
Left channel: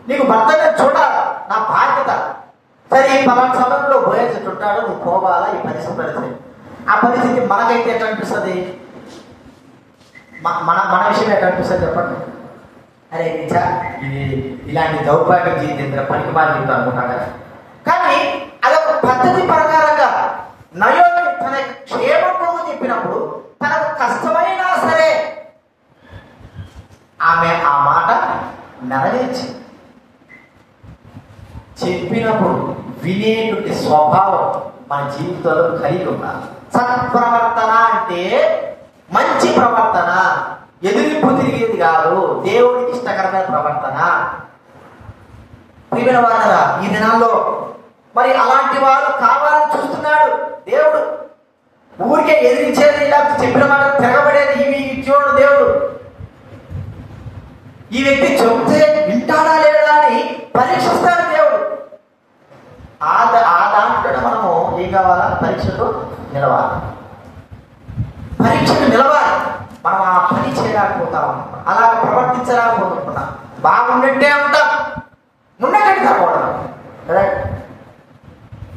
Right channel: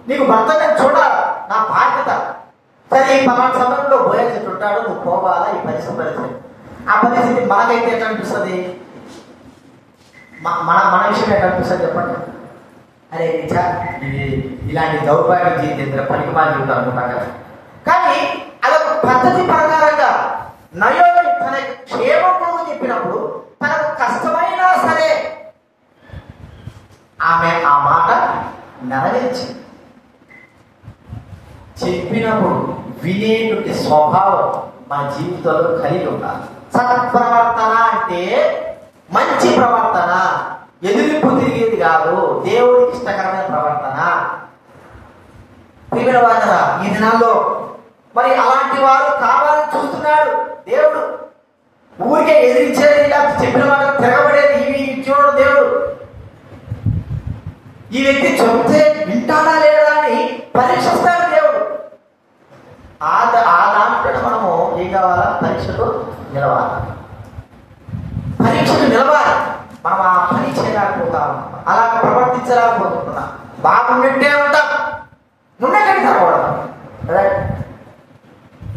నీకు భర్తనే చూడాలి, నా బాధ్యత. సరే ఈ పలానా సమయంలో బోయేసి చుట్టాడు, నువ్వు పోవాలా ఈ పరిస్థితి. ఆ పరిస్థితి మనకైతే ఎట్లా అనిపిస్తుంది? మన విషయం ఎట్లా అనిపిస్తుంది చెప్పండి? అరే నిజా ఇది ఇలాంటి దౌర్భాగ్యం జీవితం పనికి మారి జీవితం అనుకుంటాను. కానీ అదొక పద్ధతి ప్రకారంగా నయోమి తన క్షేమము చెప్పినప్పుడు తనకు కష్టమైనా సరే ఆమె ఆ మాట నెరవేర్చి చెప్పినప్పుడు వినేటువంటి స్వభావం మన జీవితంలో కలిగి ఉండాలి. సత్ప్రవర్తన అంటే మంచి ప్రవర్తన, ఎదురుపు తిరిగేది కాదు, దేవుడికి ఇష్టకరమైన ప్రవర్తన. ప్రియమైన వారరా, ఈ దినాల్లో మరి అలాంటి వారు కావాలని చూస్తున్నాడు దేవుడు. ఊరికే ఎదిరించేది, ఇలా చెప్పిన మాట తిరగబడేది ఇవి ఇచ్చేవాడు దేవుడు. ఈ వ్యక్తి చెప్తే వింటాడా లేదా అని పరీక్షిస్తాడు దేవుడు. ఆ దాంట్లో మనము ఏం కావాలా? పరీక్షకు నిలవాలి. పరీక్షకు నిలవాలి. మనం ఆ పని చేయలేకపోతాం, అలా ప్రవర్తించలేకపోతున్నాం. బాగుండే ఉంటాం, ఉండకండి తరవడం.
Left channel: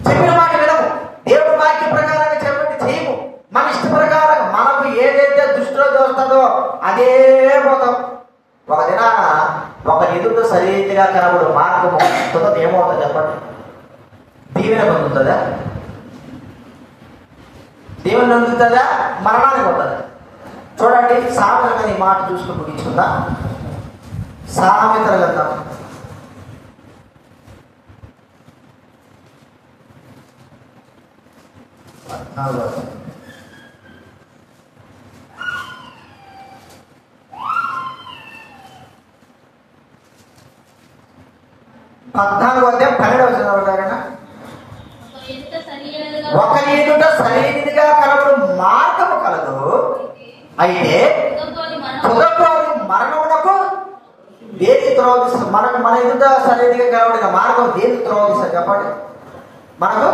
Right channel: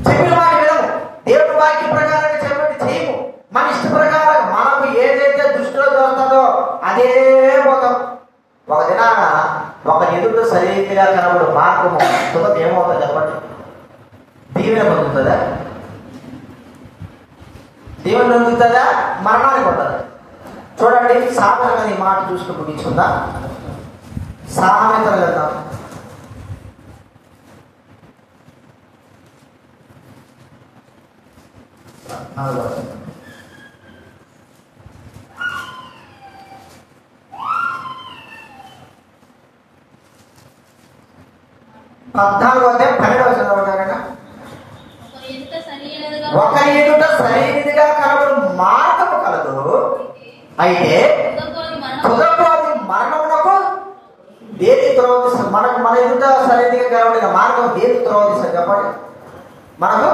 చెప్పిన మాట వినము, దేవుడి వాక్య ప్రకారంగా చెప్పండి చేయము, మన ఇష్ట ప్రకారం మనకు ఏదైతే దృష్టిలో దొరుకుతుందో అదే పోతాం. ఒక దినాన ఒక ఎదురు సరిగా కనబడు మార్గము తుదకు ఏమవుతుంది చెప్పండి? దీవెన పొందుతుందా? దీవెన పొందుతుందా? మరణానికి ఉంటుంది. చూడండి, సామెతలుగా ఈ మాట చూసుకుని ముగించుకుందా. సామెతలు కదా, పద్నాలుగు 12వ చదవడారైనా ఒక ఎదుట సరైనదిగా కనబడు మార్గము కలదు, అయితే తుదపోని మరణమునకు దేని త్రోవదిస్తుంది? మనకు మన ఎదుట సరైనదిగా కనబడిన మార్గం దేని త్రోవదిస్తుంది చెప్పండి? మనకు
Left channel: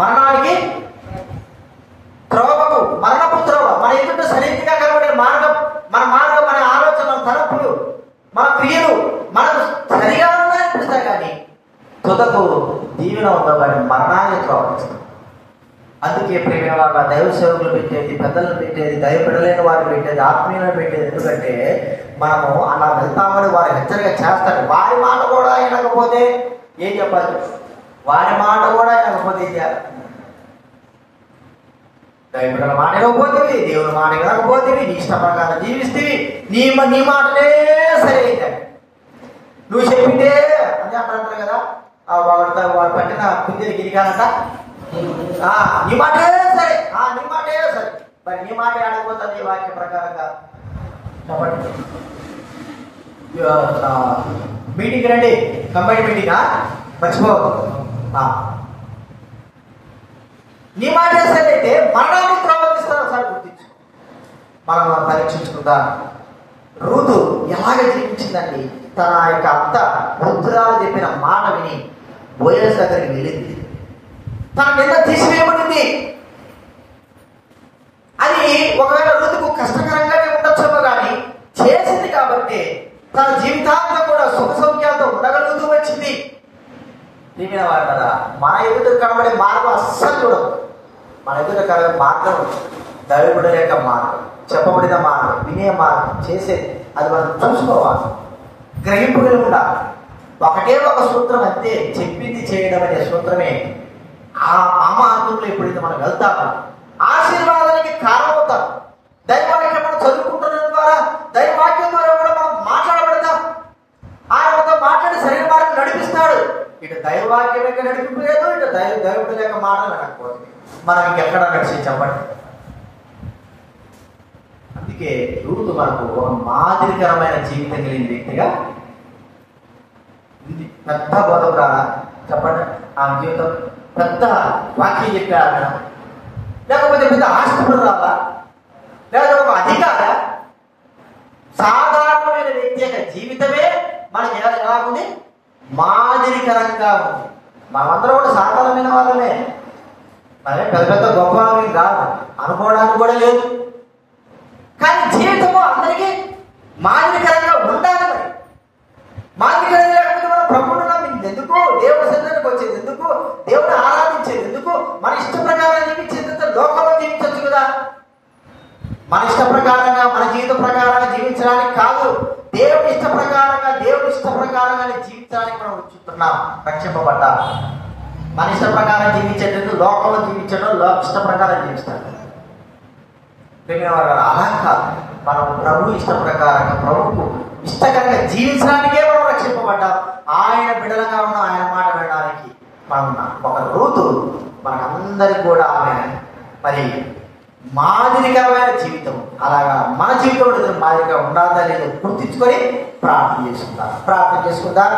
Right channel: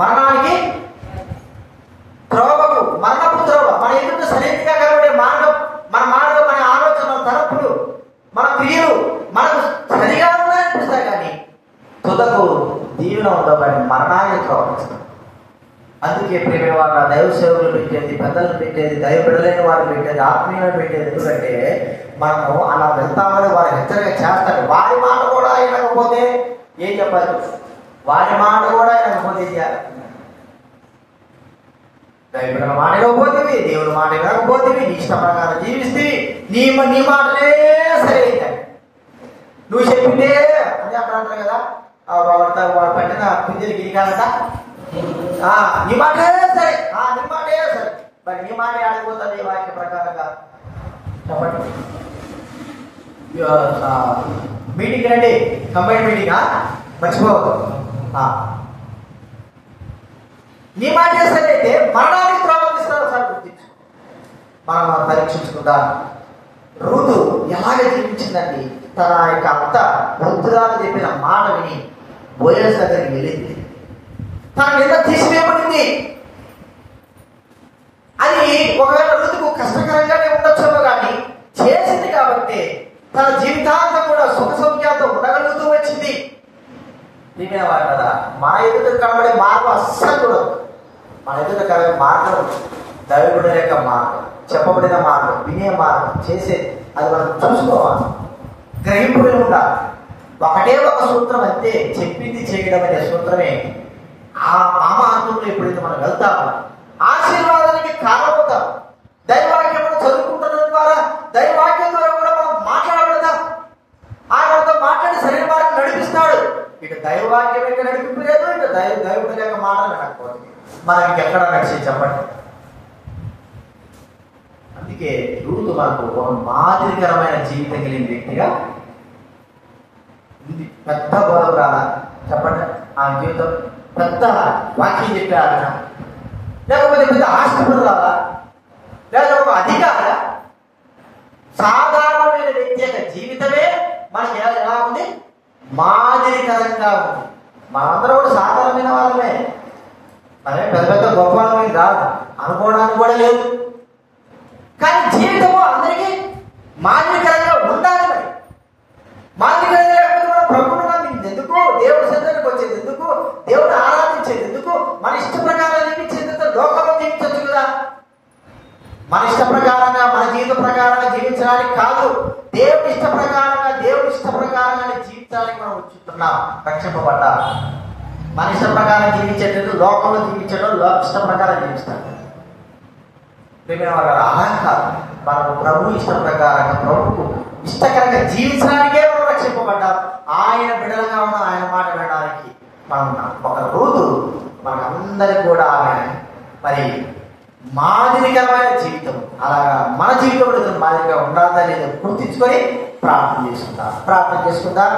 మరణానికి త్రోవకు, మరణపు త్రోవ. మన ఎదుట సరైనదిగా కనబడే మార్గం, మన మార్గం, మన ఆలోచన, తరపులు, మన క్రియలు మనకు సరిగా ఉన్నాయనిపిస్తాయి. కానీ తుదకు దీవెన ఉండబడి మరణాన్ని త్రోవస్తుంది. అందుకే ప్రేమ వాళ్ళ దైవ సేవకులు పెట్టేది, పెద్దలను పెట్టేది, దైవ బిడ్డలైన వారు పెట్టేది, ఆత్మీయులను పెట్టేది. ఎందుకంటే మనము అలా వెళ్తామని వారు హెచ్చరిక చేస్తారు. వారి మాట కూడా వినకపోతే ఏం చెప్పాలి? వారి మాట కూడా వినకపోతే ఏం చేయాలి? దైవ బిడ్డల మాట ఇవ్వకపోతేవి, దేవుని మాట వినకపోతేవి, నీ ఇష్ట ప్రకారం జీవిస్తే నీ మాటలే సరే నువ్వు చెప్పిందే అని అంటారు కదా. వాళ్ళ పక్కన పింజరి గిరికానంట, నీ మాటే సరే, నీ మాటే సరే, మరి నీ మాట ఆడకపోతుంది వాక్య ప్రకారంగా చెప్పండి. మీటింగ్ రండి, కంబైన్ మీటింగ్ మర్చిపోవద్దు. నీ మాటే సరే అయితే మరణానికి ప్రవర్తిస్తారు సార్, గుర్తించు. మనం పరీక్షించుకుంటా. ఋతు ఎలాగ జీవించిందండి? తన యొక్క అత్త వృద్ధురాలు చెప్పిన మాట విని బోయస్ దగ్గరికి వెళ్ళింది. తన మీద తీసివేయబడింది. అది ఒకవేళ ఋతుకు కష్టకరంగానే ఉండొచ్చేమో కానీ చేసింది కాబట్టి తన జీవితాంతం కూడా సుఖ సౌఖ్యాలతో ఉండగలుగుతూ వచ్చింది. ప్రియమైన వారు కదా, మన ఎదుట కనబడే మార్గం అస్సలు చూడదు. మన ఎదుట కనబడే మార్గం దైవజనుడి యొక్క మార్గం, చెప్పబడిన మార్గం, వినే మార్గం, చేసేది అది మనం చూసుకోవాలి, గ్రహింపు కలిగి ఉండాలి. ఒకటే ఒక సూత్రం అంతే, చెప్పింది చేయడం అనే సూత్రమే. ఆ మార్గంలో ఎప్పుడైతే మనం వెళ్తామో ఆశీర్వాదానికి కారణమవుతాం. దైవవాక్యం మనం చదువుకుంటున్న ద్వారా, దైవవాక్యం ద్వారా కూడా మనం మాట్లాడబడతాం. ఆయనతో మాట్లాడి సరైన మార్గం నడిపిస్తాడు. ఇటు దైవవాక్యం యొక్క నడిపి లేదు, ఇటు దైవజనుడి యొక్క మార్గం నడకపోతే మనం ఇంకెక్కడ నడిచి చెప్పండి. అందుకే రూతు మనకు మాదిరికరమైన జీవితం కలిగిన వ్యక్తిగా పెద్ద బతుగా చెప్పండి. ఆ జీవితం పెద్ద వాక్యం చెప్పారా, లేకపోతే పెద్ద ఆస్తిపరులా, లేకపోతే ఒక అధికార, సాధారణమైన వ్యక్తి యొక్క జీవితమే మనకి ఎలా ఉంది, మాదిరికరంగా ఉంది. మనందరూ కూడా సాధారణమైన వాళ్ళమే, అదే పెద్ద పెద్ద గొప్ప వాళ్ళకి రాదు అనుకోవడానికి కూడా లేదు. కానీ జీవితంలో అందరికీ మాదిరికరంగా ఉండాలి. మాదిరికరంగా లేకపోతే మనం ప్రభువుగా ఎందుకు, దేవుడి సన్నిధికి వచ్చేది ఎందుకు, దేవుడు ఆరాధించేది ఎందుకు, మన ఇష్ట ప్రకారం జీవించేది లోకంలో జీవించచ్చు కదా. మన ఇష్ట ప్రకారంగా, మన జీవిత ప్రకారంగా జీవించడానికి కాదు, దేవుడి ఇష్ట ప్రకారంగా, దేవుడి ఇష్ట ప్రకారంగా జీవించడానికి మనం వచ్చుతున్నాం, రక్షింపబడ్డా. మన ఇష్ట ప్రకారం జీవించేటట్టు లోకంలో జీవించడం, ఇష్ట ప్రకారం జీవిస్తాం. అలా కాదు, మనం ప్రభు ఇష్ట ప్రకారంగా, ప్రభుకు ఇష్టకరంగా జీవించడానికే మనం రక్షింపబడ్డాం. ఆయన బిడ్డలుగా ఉన్న ఆయన మాట వినడానికి మనం ఒక రోజు మనకందరికి కూడా ఆమె మరి మాదిరికరమైన జీవితం, అలాగా మన జీవితం మాదిరిగా ఉండాలా లేదో గుర్తించుకొని ప్రార్థన చేసుకుందాం.